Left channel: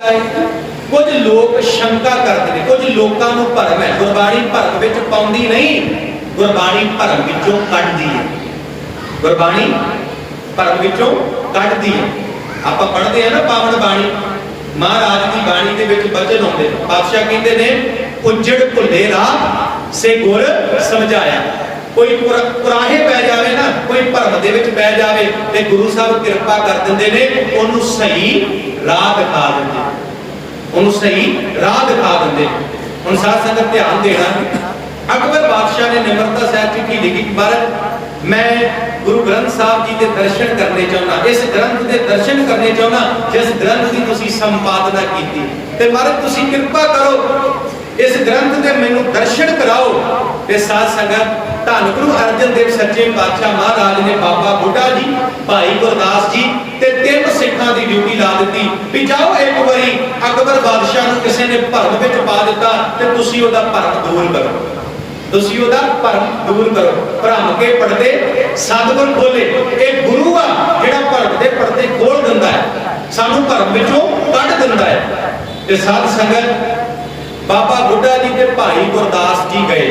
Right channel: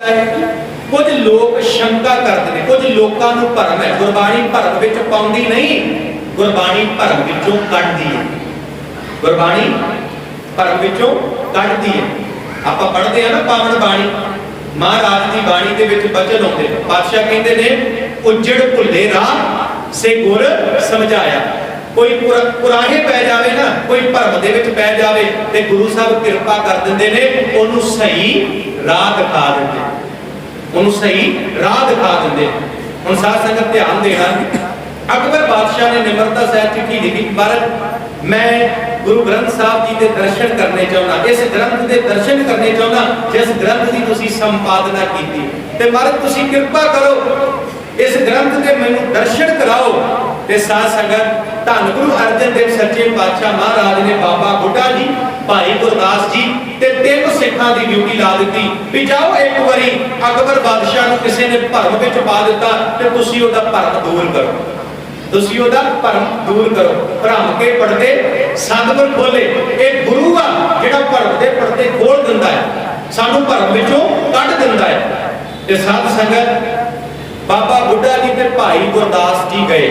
कुछ लोग शंका करते हैं, कुछ लोगों को भरम है, गुरबाणी भरम विच पाउंदी नहीं, गुरबाणी भरम विचों कढदी है, गुरबाणी भरम विचों कढदी है। आपां पढ़दे हैं ना पावन बाणी, महाराज की बाणी दे विच बचन आउंदे ने, पातशाह कहंदे ने उजड़ भुल्ले राह से गुर समझाया। कोई कुराहे पै जावे ना, कोई भरम दे विच पै जावे ते गुरु साहब कृपा कर दिंदे ने, ओनू सही राह दिखा दिंदे, उन्होंने सही राह दिखा देंगे। हम साध संगत ध्यान देना, अकबर बादशाह ने निमरता साहब चिट्ठी लिखी, महाराज मैं गुरु ग्रंथ साहब जी के दर्शन करने चाहना, इस ग्रंथ के दर्शन करने चाहना जिस ग्रंथ की तुसी संपादना की, ते महाराज तुसी कृपा करो इस ग्रंथ के मैनू दर्शन कराओ। ते साध संगत धन गुरु अर्जन देव सच्चे पातशाह महाराज ने बाबा बुढ़ा जी, भाई गुरदास जी ते 3 सिखां दी ड्यूटी ला दी भी जाओ एक बारी अकबर बादशाह नूं किसी ने भरम विच पा दिता ते तुसी ओदा भरम दूर करो, तुसी ओदा भरम दूर करो। भरम के पड़दे सतगुर खोले, एक गुरु आ जिहड़ा भरम दे पड़दे खोल दिंदा है, सानू भरम विचों कढ दिंदा है। ते साध संगत बाबा बुढ़ा जी ते भाई गुरदास जी गए,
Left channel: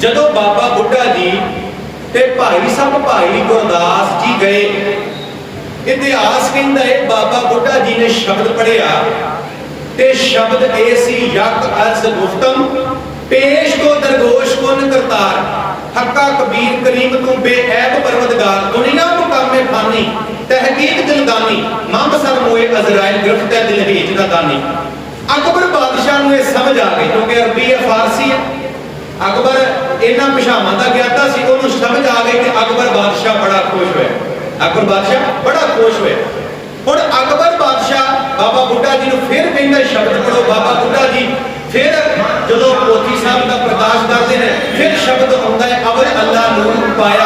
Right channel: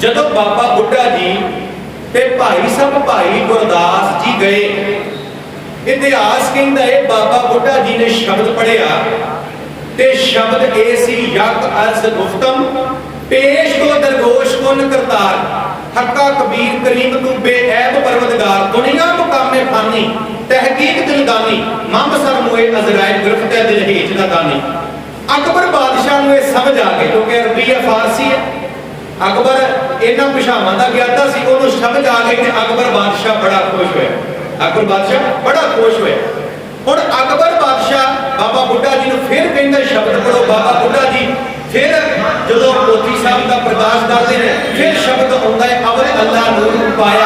जदों बाबा बुढ़ा जी ते भाई सब भाई गुरदास जी गए, इतिहास कहता है बाबा बुढ़ा जी ने शब्द पढ़िया ते शब्द ए सी यक अर्ज गुफ्तम पेश को दरगोश कुन करतार हक्का कबीर करीम तू बेऐब परवदगार दुनिया मुकामे फानी तहकीक दिलदानी मंग सर मोए अजराइल गिरफ्त दिल हेज ना दानी। अकबर बादशाह नूं यह समझ आ गई, क्योंकि अरबी है फारसी है, अकबर इन्हां भाषावां दा ज्ञाता सी, उहनूं समझ आ गई कि अकबर बादशाह बड़ा खुश होया, अकबर बादशाह बड़ा खुश होया। हुण अकबर बादशाह बाबा बुढ़ा जी नूं फिर कहंदा शब्द पढ़ो, बाबा बुढ़ा जी फिर जदों पोथी साहब का प्रकाश करते हैं फिर शब्द आउंदा है अवर अल्लाह नूर पाया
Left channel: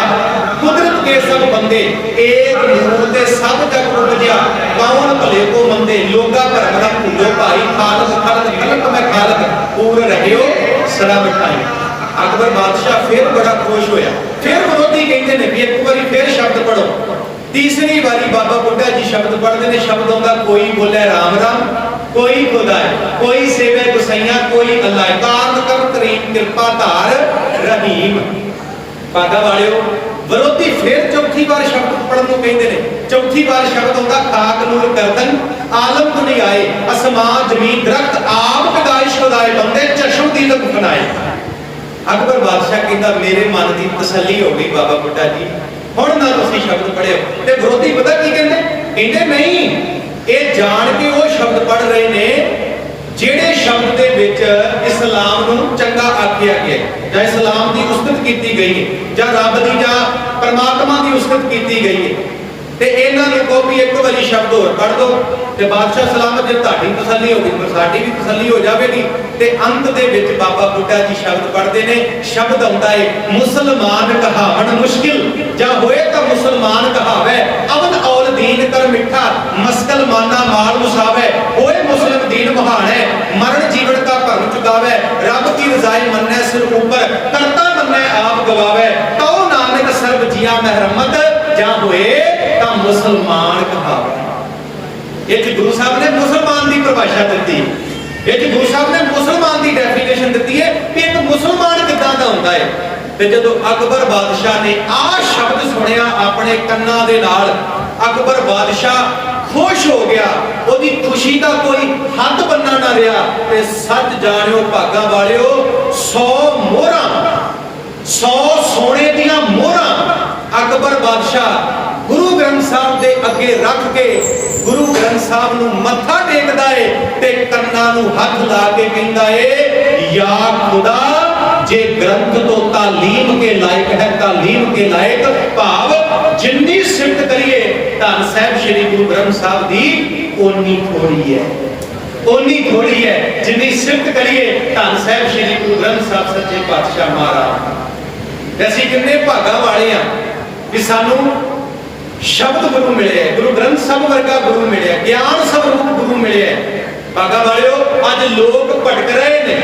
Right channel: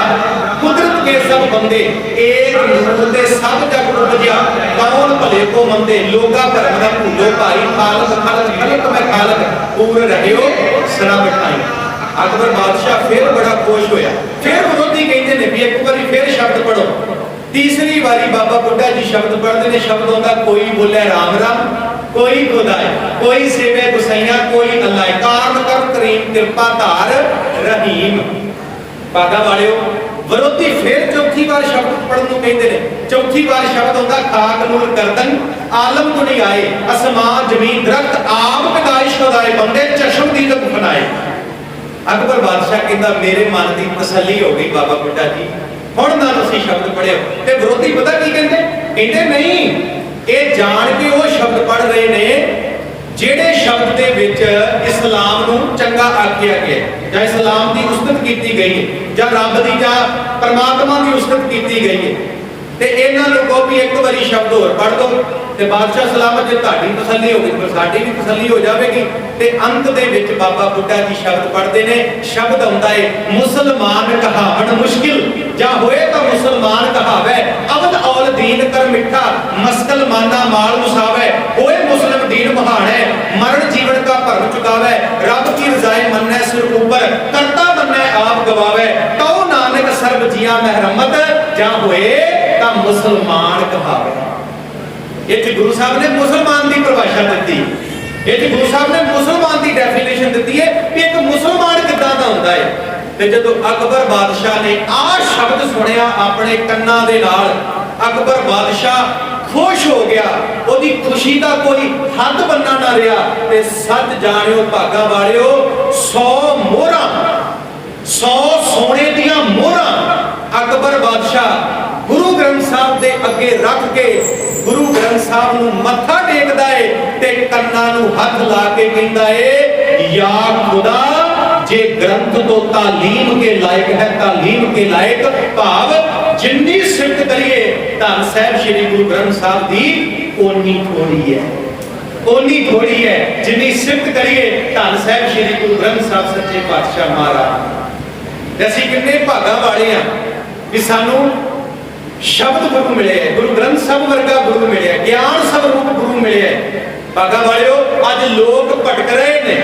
कुदरत के सब बंदे एक नूर दे सब जग उपजया कौन भले को मंदे लोगा भरम दा भूलो भाई खालक खलक खलक मैं खालक पूर रहियो सरा मिठाई। अकबर बादशाह फिर बड़ा खुश होया, फिर विरोधी कहते हैं भी एक बारी फिर शब्द पढ़ो। तीसरी बारी बाबा बुढ़ा जी शब्द पढ़ते हैं, शब्द आउंदा कोई बोले राम राम कोई खुदा है कोई सेवे गुसैया कोई अल्लाह है कारण कर करीम कृपा धार रहीम। भागा वालियो विरोधी फिर चौथी बार शब्द पढ़न नूं कहंदे ने, चौथी बार शब्द आउंदा खाक नूर करदन आलम दुनियाए असमान जमीन दरख्त आप पैदाइश खुदाए बंदे चश्म दी लग फनाए। अकबर बादशाह कहंदा मेरे मन की तसल्ली हो गई बाबा बुढ़ा जी, हुण ना तुसीं शब्द पढ़ियो। ते विरोधी पता की कहंदे, कहंदे नहीं ये जान के वो शब्द पढ़ रहे ने जेड़े शब्द दे विच इस्लाम नूं चंगा आखिया गया जां इस्लाम की उस्तत की गई है जां रब की जां परमात्मा की उस्तत की गई है, ते इन्हां नूं कहो भी एक बारी शब्द होर पढ़ दो ते बादशाह सलामत जे तुहाडी तसल्ली हो गई तो साडी भी तसल्ली हो जाएगी। ते अंत दे विच बाबा बुढ़ा जी शब्द पढ़ते ने, शब्द आउंदा है मुसलमान कहावन मुश्किल जां होए तां मुसलमान कहावे अवध औल दीन कर मिठा मस्कल माना माल मुसावे होए मुस्लिम दीन महान है मरण जीवन का भरम चुकावे रब की रजाए मन्ने सिर ऊपर करता मन्ने आप गवावे तो नानक सर्ब जिया महरमत जां होए तां मुसलमान कहावे। ये गुरु साहब ने मुसलमान की परिभाषा दी, ये गुरु साहब ने मुसलमान की डेफिनेशन दी है कि एक मुसलमान किदां दा हुंदा है। ते जदों अकबर बादशाह ने आ शब्द सुनिया अपने कन्नां दे नाल, अकबर बादशाह खुश हो गया, ओदी खुशी का कोई हद बनना ना रहा। ते सच जानियो भागा वालियो 100 मोहरां 100 सोने दियां मोहरां अकबर बादशाह गुरु ग्रंथ साहब दे अगे रख के गुरु ग्रंथ साहब नूं मत्था टेकदा है ते कन्नां नूं हथ ला के कहंदा है या खुदा जे ग्रंथ तो तालीम के लायक है तालीम के लायक भाव जिन्नी सिफत करिए धन साहब श्री गुरु ग्रंथ साहब दी ओनी थोड़ी है, ओनी थोड़ी है जिन्नी सिफत करिए धन साहब श्री गुरु ग्रंथ साहब सच्चे पातशाह महाराज। असीं किन्ने भागा वाले आ कि सानू शब्द गुरु मिले है, गुरु ग्रंथ साहब वर्गा गुरु मिले, ज्ञान स्वरूप गुरु मिले है। भागा वालियो अज लोग भटक रहे ने,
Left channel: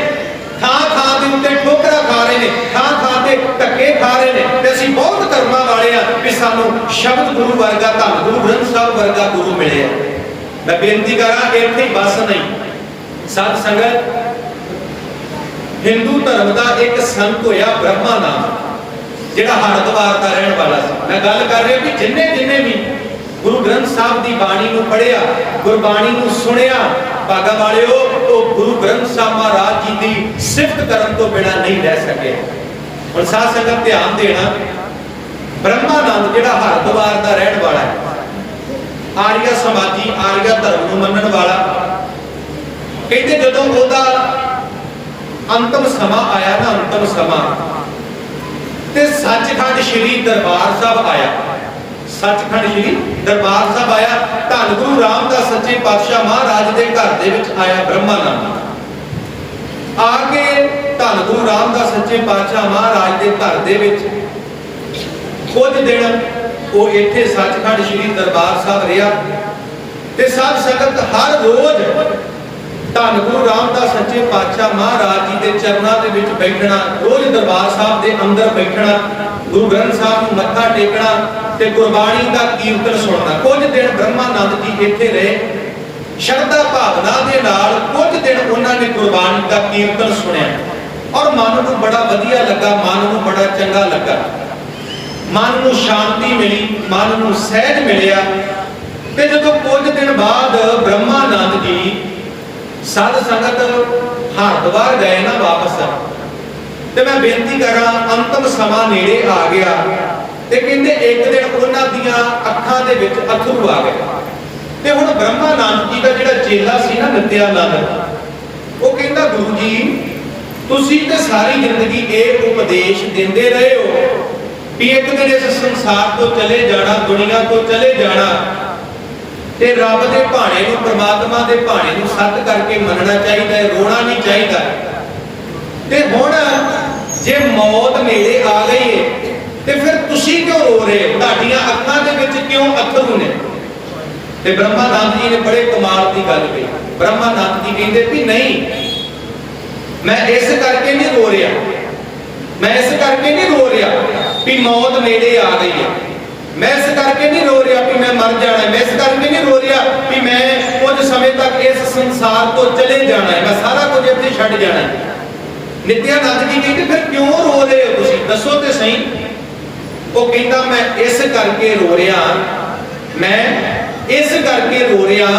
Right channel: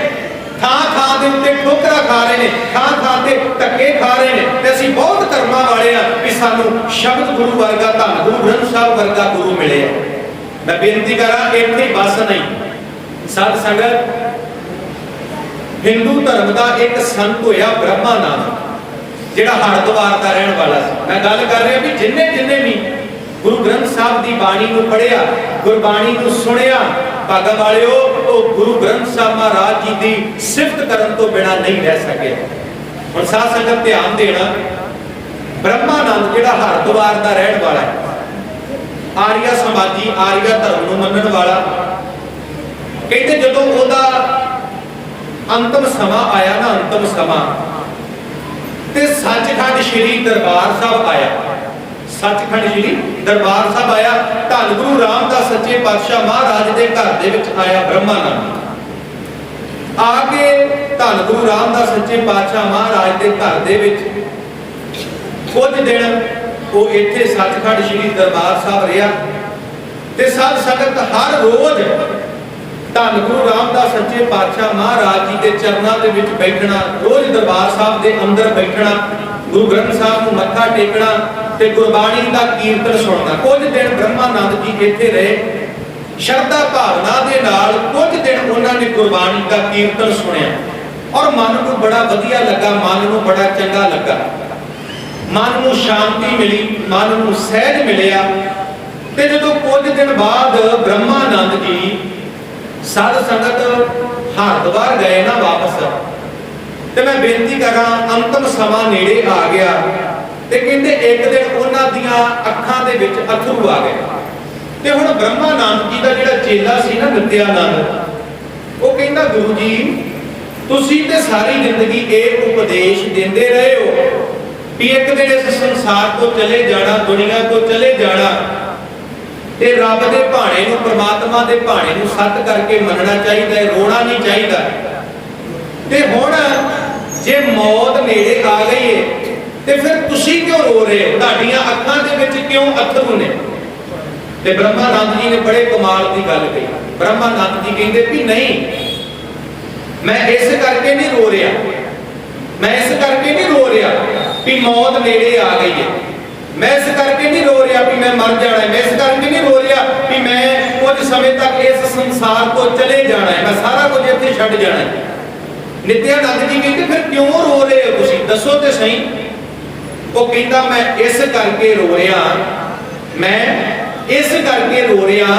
थां थां दे उत्ते ठोकरा खा रहे ने, थां थां ते धक्के खा रहे ने, ते असीं बहुत कर्मां वाले आ कि सानू शब्द गुरु वर्गा धन गुरु ग्रंथ साहब वर्गा गुरु मिले है। मैं बेनती करा इत्थे बस नहीं। साध संगत, हिंदू धर्म का एक संत होया ब्रह्मानंद, जिहड़ा हरिद्वार का रहने वाला सी। मैं गल कर रहा भी जिन्ने जिन्ने भी गुरु ग्रंथ साहब की बाणी नूं पढ़िया, गुरबाणी नूं सुनिया, भागा वालिओ वो गुरु ग्रंथ साहब महाराज जी की सिफत करन तो बिना नहीं रह सके। हुण साध संगत ध्यान देना, ब्रह्मानंद जिहड़ा हरिद्वार का रहने वाला है, आर्य समाजी आर्य धर्म नूं मनण वाला, कहते जदों ओहदा अंतिम समा आया ना, अंतिम समा ते सचखंड श्री दरबार साहब आया, सचखंड श्री दरबार साहब आया, धन गुरु रामदास सच्चे पातशाह महाराज के घर दे विच आया ब्रह्मानंद। आके धन गुरु रामदास सच्चे पातशाह महाराज के घर दे विच कुछ दिन वो इत्थे सचखंड श्री दरबार साहब रहा ते साध संगत हर रोज धन गुरु रामदास सच्चे पातशाह महाराज जी के चरणों के विच बैठना, रोज दरबार साहब के अंदर बैठना, गुरु ग्रंथ साहब को मत्था टेकना ते गुरबाणी का कीर्तन सुनना। कुछ दिन ब्रह्मानंद जी इत्थे रहे, श्रद्धा भावना दे नाल कुछ दिन उन्होंने गुरबाणी का कीर्तन सुनिया और मन को बड़ा वधिया लगा, मन को बड़ा चंगा लगा, मन को शांति मिली, मन को सहज मिलिया। ते जदों कुछ दिन बाद ब्रह्मानंद जी साध संगत हरिद्वार गए ना वापस, ते मैं बेनती करा अंतिम समा नेड़े आ गया ते कहंदे एक दिन उन्हां दियां अखां दे विच अथरू आ गए ते हुण ब्रह्मानंद जी दा जिहड़ा चेला सी ना नित्यानंद, वो कहंदा गुरु जी तुसीं ते सारी जिंदगी ये उपदेश देंदे रहे हो कि एक दिन इस संसार को चले जाना, दुनिया को चले जाना ते रब दे भाणे नूं, परमात्मा दे भाणे नूं सत करके मनना चाहिए, रोना नहीं चाहिए। ते हुण जे मौत नेड़े आ गई है ते फिर तुसीं क्यों रो रहे हो, तुहाडीआं अखां दे विच क्यों अथरू ने? ते ब्रह्मानंद जी ने बड़े कमाल की गल कही। ब्रह्मानंद जी कहंदे भी नहीं, मैं इस करके नहीं रो रहा, मैं इस करके नहीं रो रहा भी मौत नेड़े आ गई है, मैं इस करके नहीं रो रहा भी मैं मर जाना है, मैं इस करके नहीं रो रहा भी मैं कुछ समय तक इस संसार को चले जाना है, मैं सारा कुछ इत्थे छड्ड जाना है। नित्यानंद जी कहते फिर क्यों रो रहे हो तुसीं, दसो ते सही। वो कहता मैं इस करके रो रहा, मैं इस करके रो रहा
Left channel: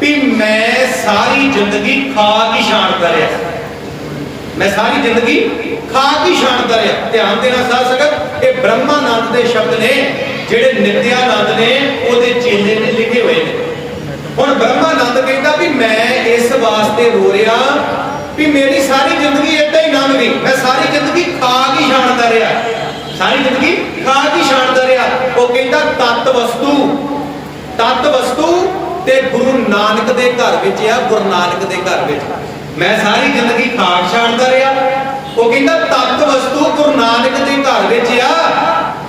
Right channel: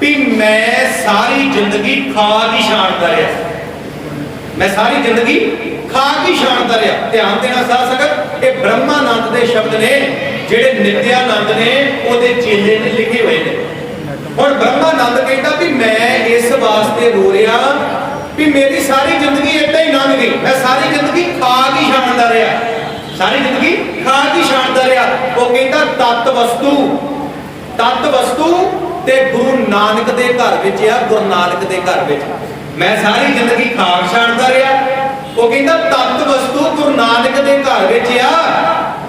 भी मैं सारी जिंदगी खा की शान करया, मैं सारी जिंदगी खा की शान करया। ध्यान देना साध संगत, ये ब्रह्मानंद के शब्द ने जिहड़े नित्यानंद ने ओहदे चेले ने लिखे हुए ने। हुण ब्रह्मानंद कहता भी मैं इस वास्ते रो रहा भी मेरी सारी जिंदगी इदां ही लंघ गई, मैं सारी जिंदगी खा की शानदा रहा, सारी जिंदगी खा की शानदा रहा। वो कहता तत्त वस्तु ते गुरु नानक दे घर विच आ, गुरु नानक दे घर विच मैं सारी जिंदगी खाक छाणदा रहा। वो कहता तत्त वस्तु गुरु नानक दे घर विच आ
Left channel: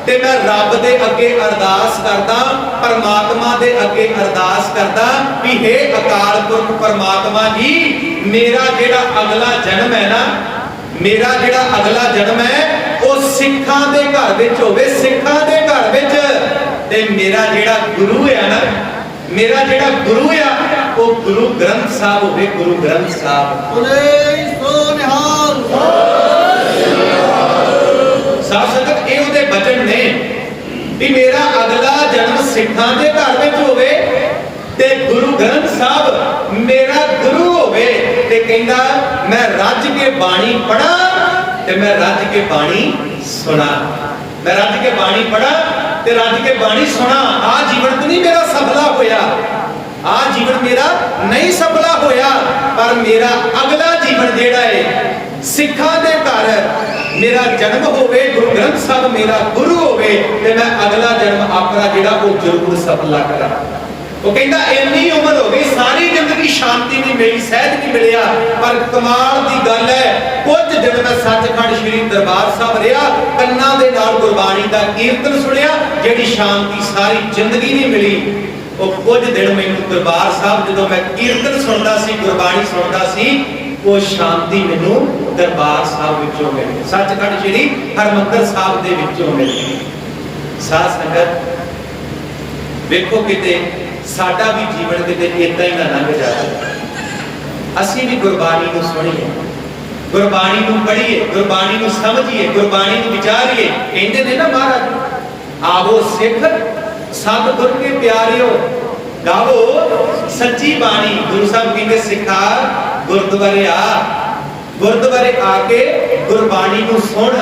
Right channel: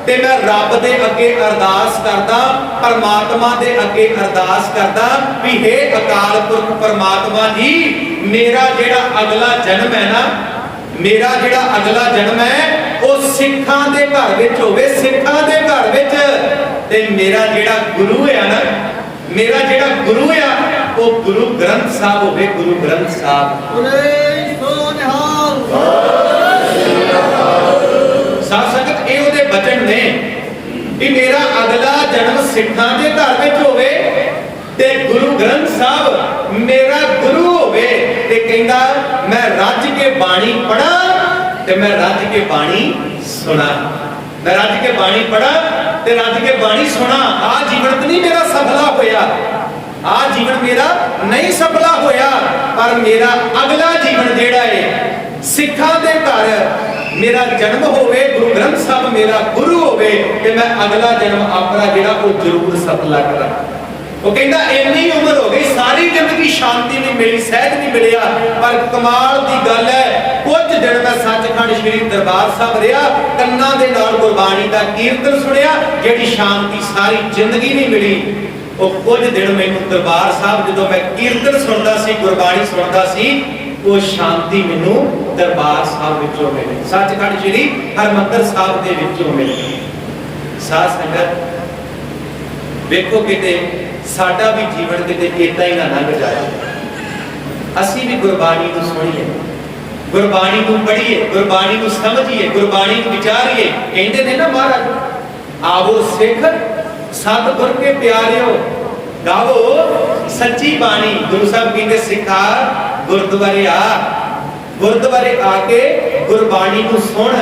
ते मैं रब दे अगे अरदास करदा, परमात्मा दे अगे अरदास करदा भी हे अकाल पुरख परमात्मा जी, मेरा जिहड़ा अगला जन्म है ना, मेरा जिहड़ा अगला जन्म है वो सिखां दे घर विच होवे, सिखां दे घर विच, ते मेरा जिहड़ा गुरु है ना, मेरा जिहड़ा गुरु है वो गुरु ग्रंथ साहब होवे, गुरु ग्रंथ साहब। साध संगत ये उहदे बचन ने भी मेरा अगला जन्म सिखां दे घर विच होवे ते गुरु ग्रंथ साहब मेरा गुरु होवे, ते कहंदा मैं रज के बाणी पढ़ा ते मैं रज के बाणी सुना, मैं रज के बाणी पढ़ा ते रज के बाणी सुना। आ जीवन तो नहीं मेरा सफला होया, आ जीवन मेरा नहीं सफला होया, पर मेरा अगला जीवन जिहड़ा है सिखां दे घर मेरा जन्म होवे, गुरु ग्रंथ साहब मेरा गुरु होवे ते मैं अगला जन्म अपना जिहड़ा वो जरूर सफला करा। वो कहता इन्नी उम्र हो गई, सारी जिंदगी शांति नहीं मिली, सहज नहीं मिलिया, पर कमाल की गल है कुछ दिन मैं सचखंड श्री दरबार साहब रहा, कन्ना दे नाल गुरबाणी का कीर्तन सुनिया, जिहड़ी शांति सारी जिंदगी नहीं मिली। वो कुछ दिन मैनू दरबार साहब जो मैं कीर्तन सुनता सी, गुरबाणी सुनता सी, वो शांति मैनू दरबार साहब विचों मिली, सचखंड श्री हरमंदिर साहब दे विचों मिली। साध संगत वेखो किते ਸਾਡਾ ਵੀ ਜੀਵਨ ਕਿਤੇ ਇਦਾਂ ਹੀ ਨਾ ਲੰਘ ਜਾਵੇ। ਅਸੀਂ ਵੀ ਗੁਰਬਾਣੀ ਨੂੰ ਸੁਣੀਏ, ਗੁਰਬਾਣੀ ਨੂੰ ਪੜ੍ਹੀਏ, ਗੁਰਬਾਣੀ ਨੂੰ ਸਮਝੀਏ, ਗੁਰਬਾਣੀ ਨੂੰ ਵਿਚਾਰੀਏ। ਕਹਿੰਦੇ ਨੇ ਨਾ ਮਹਾਰਾਜ, ਆਵੋ ਸਿੱਖ ਸਤਿਗੁਰ ਕੇ ਪਿਆਰਿਓ, ਗਾਵੋ ਸੱਚੀ ਬਾਣੀ। ਗੁਰੂ ਸਾਹਿਬ ਕਹਿੰਦੇ ਸਿੱਖਾ ਗੁਰਦੁਆਰੇ ਆ, ਗੁਰਦੁਆਰੇ ਆ ਕੇ ਗੁਰਬਾਣੀ ਨੂੰ ਸੁਣ,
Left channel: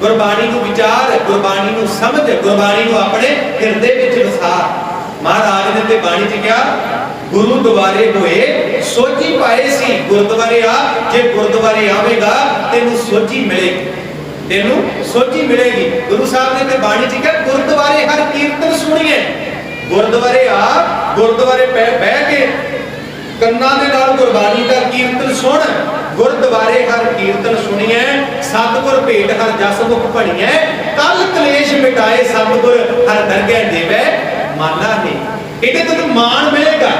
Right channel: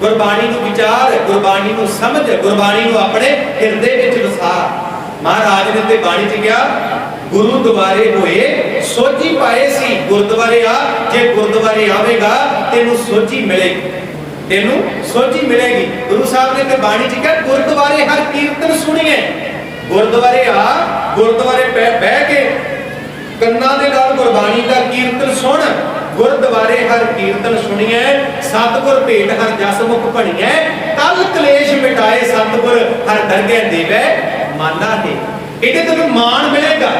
ਗੁਰਬਾਣੀ ਨੂੰ ਵਿਚਾਰ, ਗੁਰਬਾਣੀ ਨੂੰ ਸਮਝ, ਗੁਰਬਾਣੀ ਨੂੰ ਆਪਣੇ ਹਿਰਦੇ ਵਿੱਚ ਵਸਾ। ਮਹਾਰਾਜ ਨੇ ਤੇ ਬਾਣੀ ਚ ਕਿਹਾ, ਗੁਰੂ ਦੁਆਰੇ ਹੋਏ ਸੋਝੀ ਪਾਏ ਸੀ। ਗੁਰਦੁਆਰੇ ਆ, ਜੇ ਗੁਰਦੁਆਰੇ ਆਵੇਗਾ ਤੈਨੂੰ ਸੋਝੀ ਮਿਲੇਗੀ, ਤੈਨੂੰ ਸੋਝੀ ਮਿਲੇਗੀ। ਗੁਰੂ ਸਾਹਿਬ ਨੇ ਤੇ ਬਾਣੀ ਚ ਕਿਹਾ, ਗੁਰਦੁਆਰੇ ਹਰ ਕੀਰਤਨ ਸੁਣੀਏ। ਗੁਰਦੁਆਰੇ ਆ, ਗੁਰਦੁਆਰੇ ਬਹਿ ਕੇ ਕੰਨਾਂ ਦੇ ਨਾਲ ਗੁਰਬਾਣੀ ਦਾ ਕੀਰਤਨ ਸੁਣ। ਗੁਰਦੁਆਰੇ ਹਰ ਕੀਰਤਨ ਸੁਣੀਏ, ਸਤਿਗੁਰ ਭੇਟ ਹਰ ਜਸ ਮੁਖ ਬਣੀਐ। ਕਲ ਕਲੇਸ਼ ਮਿਟਾਏ ਸਤਿਗੁਰ ਹਰ ਦਰਗਹਿ ਦੇਵੈ ਮਾਨਾ ਹੈ। ਇਹਦੇ ਤੈਨੂੰ ਮਾਣ ਮਿਲੇਗਾ,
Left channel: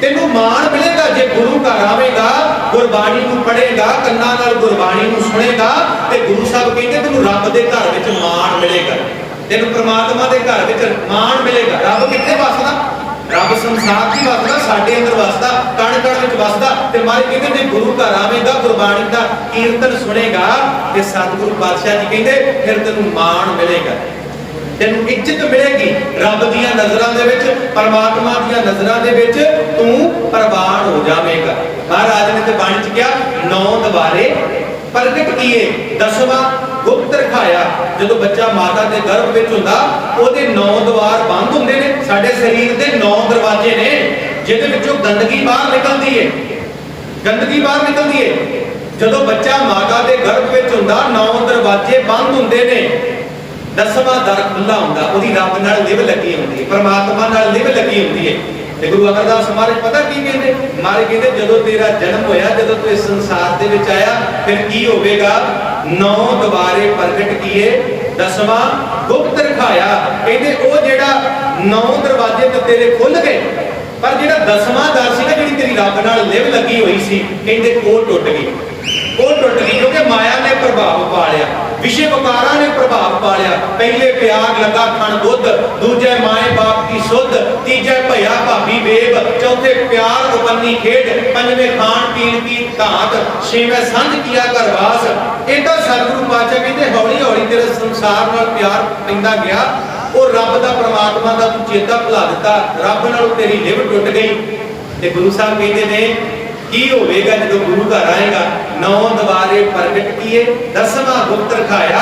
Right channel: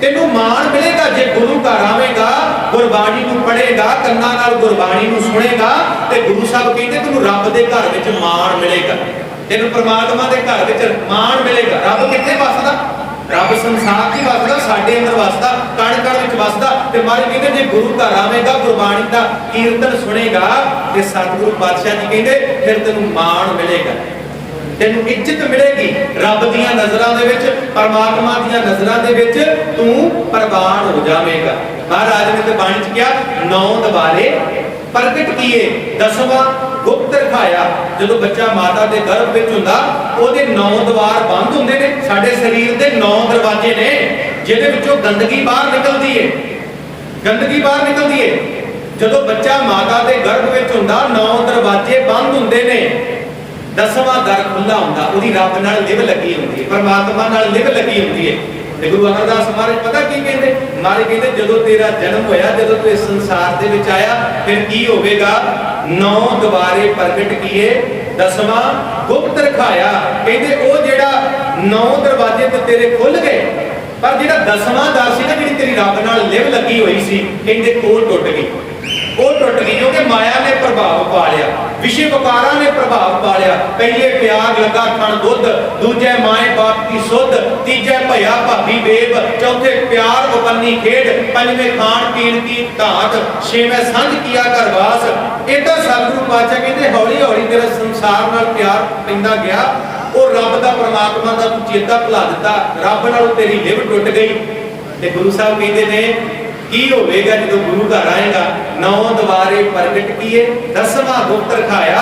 ਤੈਨੂੰ ਮਾਣ ਮਿਲੇਗਾ ਜੇ ਗੁਰੂ ਘਰ ਆਵੇਗਾ, ਗੁਰਬਾਣੀ ਨੂੰ ਪੜ੍ਹੇਗਾ, ਕੰਨਾਂ ਨਾਲ ਗੁਰਬਾਣੀ ਨੂੰ ਸੁਣੇਗਾ, ਤੇ ਗੁਰੂ ਸਾਹਿਬ ਕਹਿੰਦੇ ਤੈਨੂੰ ਰੱਬ ਦੇ ਘਰ ਵਿੱਚ ਮਾਣ ਮਿਲੇਗਾ, ਤੈਨੂੰ ਪ੍ਰਮਾਤਮਾ ਦੇ ਘਰ ਵਿੱਚ ਮਾਣ ਮਿਲੇਗਾ। ਰੱਬ ਕਿੱਥੇ ਵਸਦਾ? ਰੱਬ ਸੰਸਾਰ 'ਚ ਵਸਦਾ, ਸਾਡੇ ਅੰਦਰ ਵਸਦਾ, ਕਣ ਕਣ ਵਿੱਚ ਵਸਦਾ। ਤੇ ਮਹਾਰਾਜ ਕਹਿੰਦੇ ਜੇ ਗੁਰੂ ਘਰ ਆਵੇਗਾ, ਗੁਰਬਾਣੀ ਦਾ ਕੀਰਤਨ ਸੁਣੇਗਾ, ਤੇ ਸਤਿਗੁਰੂ ਪਾਤਸ਼ਾਹ ਜੀ ਕਹਿੰਦੇ ਫਿਰ ਤੈਨੂੰ ਮਾਣ ਮਿਲੇਗਾ, ਤੈਨੂੰ ਇੱਜ਼ਤ ਮਿਲੇਗੀ। ਰੱਬ ਦੀਆਂ ਨਜ਼ਰਾਂ ਦੇ ਵਿੱਚ, ਪਰਮਾਤਮਾ ਦੀਆਂ ਨਜ਼ਰਾਂ ਦੇ ਵਿੱਚ ਤੂੰ ਪ੍ਰਵਾਨ ਹੋ ਜਾਵੇਂਗਾ। ਮਹਾਰਾਜ ਨੇ ਤੇ ਬਾਣੀ 'ਚ ਕਿਹਾ, 9 ਦੁਆਰੇ ਪ੍ਰਗਟ ਕੀਏ, 10ਵਾਂ ਗੁਪਤ ਰਖਾਇਆ। ਜਦੋਂ ਬੱਚਾ ਮਾਤਾ ਦੇ ਗਰਭ ਵਿੱਚ ਹੁੰਦਾ, ਉਹਦੇ 9 ਦੁਆਰ ਬੰਦ ਹੁੰਦੇ ਨੇ। ਸਾਡੇ ਸਰੀਰ ਦੇ 9 ਦਰਵਾਜ਼ੇ ਨੇ, ਜਿਹਦੇ ਵਿੱਚੋਂ ਗੰਦਗੀ ਬਾਹਰ ਨਿਕਲਦੀ ਏ, ਗੰਦਗੀ ਬਾਹਰ ਨਿਕਲਦੀ ਏ। ਜਦੋਂ ਬੱਚਾ ਮਾਤਾ ਦੇ ਗਰਭ ਵਿੱਚ ਹੁੰਦਾ, 9 ਦਰਵਾਜ਼ੇ ਬੰਦ ਹੁੰਦੇ ਨੇ, 10ਵਾਂ ਦਰ ਖੁੱਲਾ ਹੁੰਦਾ। ਉਹਦੀ ਰੱਬ ਨਾਲ ਲਿਵ ਲੱਗੀ ਹੁੰਦੀ ਹੈ, ਪਰਮਾਤਮਾ ਨਾਲ ਲਿਵ ਲੱਗੀ ਹੁੰਦੀ ਹੈ। ਤੇ ਗੁਰੂ ਅਮਰਦਾਸ ਮਹਾਰਾਜ ਪਤਾ ਕੀ ਕਹਿੰਦੇ? ਮਹਾਰਾਜ ਕਹਿੰਦੇ ਜਦੋਂ ਤੇਰਾ ਜਨਮ ਹੋਇਆ, ਜਦੋਂ ਤੂੰ ਇਸ ਸੰਸਾਰ ਦੇ ਵਿੱਚ ਆਇਆ, ਫਿਰ ਕੀ ਹੋਵੇਗਾ? 9 ਦੁਆਰੇ ਪ੍ਰਗਟ ਕੀਏ, 10ਵਾਂ ਗੁਪਤ ਰਖਾਇਆ। ਕਹਿੰਦੇ ਉਹ ਜਿਹੜਾ 9 ਦਰਵਾਜ਼ੇ ਤੇ ਤੇਰੇ ਖੁੱਲ ਗਏ, ਪਰ ਜਿਹੜਾ 10ਵਾਂ ਦਰ ਸੀ ਨਾ, ਜਿਹੜੀ ਤੇਰੀ ਰੱਬ ਨਾਲ ਲਿਵ ਲੱਗੀ ਹੋਈ ਸੀ, ਕਹਿੰਦੇ ਉਹ ਟੁੱਟ ਗਈ, ਉਹ ਟੁੱਟ ਗਈ। ਕਿਉਂਕਿ ਮਾਇਆ ਨੇ ਪ੍ਰਭਾਵ ਪਾ ਲਿਆ, ਵਿਸ਼ੇ ਵਕਾਰਾਂ ਨੇ ਪ੍ਰਭਾਵ ਪਾ ਲਿਆ। ਪਹਿਲੇ ਪਿਆਰ ਲੱਗਾ ਖਣ ਦੁੱਧ, ਦੂਜੇ ਮਾਏ ਬਾਪ ਦੀ ਸੁੱਧ, ਤੀਜੇ ਭਈਆ ਭਾਬੀ ਬੇਬ, ਚੌਥੇ ਪਿਆਰ ਉਪੰਨੀ ਖੇਡ, ਪੰਜਵੇਂ ਖਾਣ ਪੀਣ ਕੀ ਧਾਤ, ਛੇਵੇਂ ਸੰਝ ਕੀਆ ਘਰਵਾਸ। ਇਦਾਂ ਸਤਿਗੁਰੂ ਪਾਤਸ਼ਾਹ ਕਹਿੰਦੇ ਹੌਲੀ ਹੌਲੀ ਤੇਰਾ ਸੰਸਾਰ ਨਾਲ ਪਿਆਰ ਪੈਂਦਾ ਗਿਆ। ਉਹ ਰੱਬ ਦਾ, ਪਰਮਾਤਮਾ ਦਾ ਤੂੰ ਚੇਤਾ ਭੁਲਾ ਦਿੱਤਾ, ਰੱਬ ਨਾਲੋਂ ਤੇਰੀ ਲਿਵ ਟੁੱਟ ਗਈ। ਤੇ ਗੁਰੂ ਸਾਹਿਬ ਕਹਿੰਦੇ ਨੇ ਕੀ ਹੋਵੇਗਾ ਜਦੋਂ ਗੁਰੂ ਘਰ ਆਏਗਾ? 9 ਦੁਆਰੇ ਪ੍ਰਗਟ ਕੀਏ, 10ਵਾਂ ਗੁਪਤ ਰਖਾਇਆ।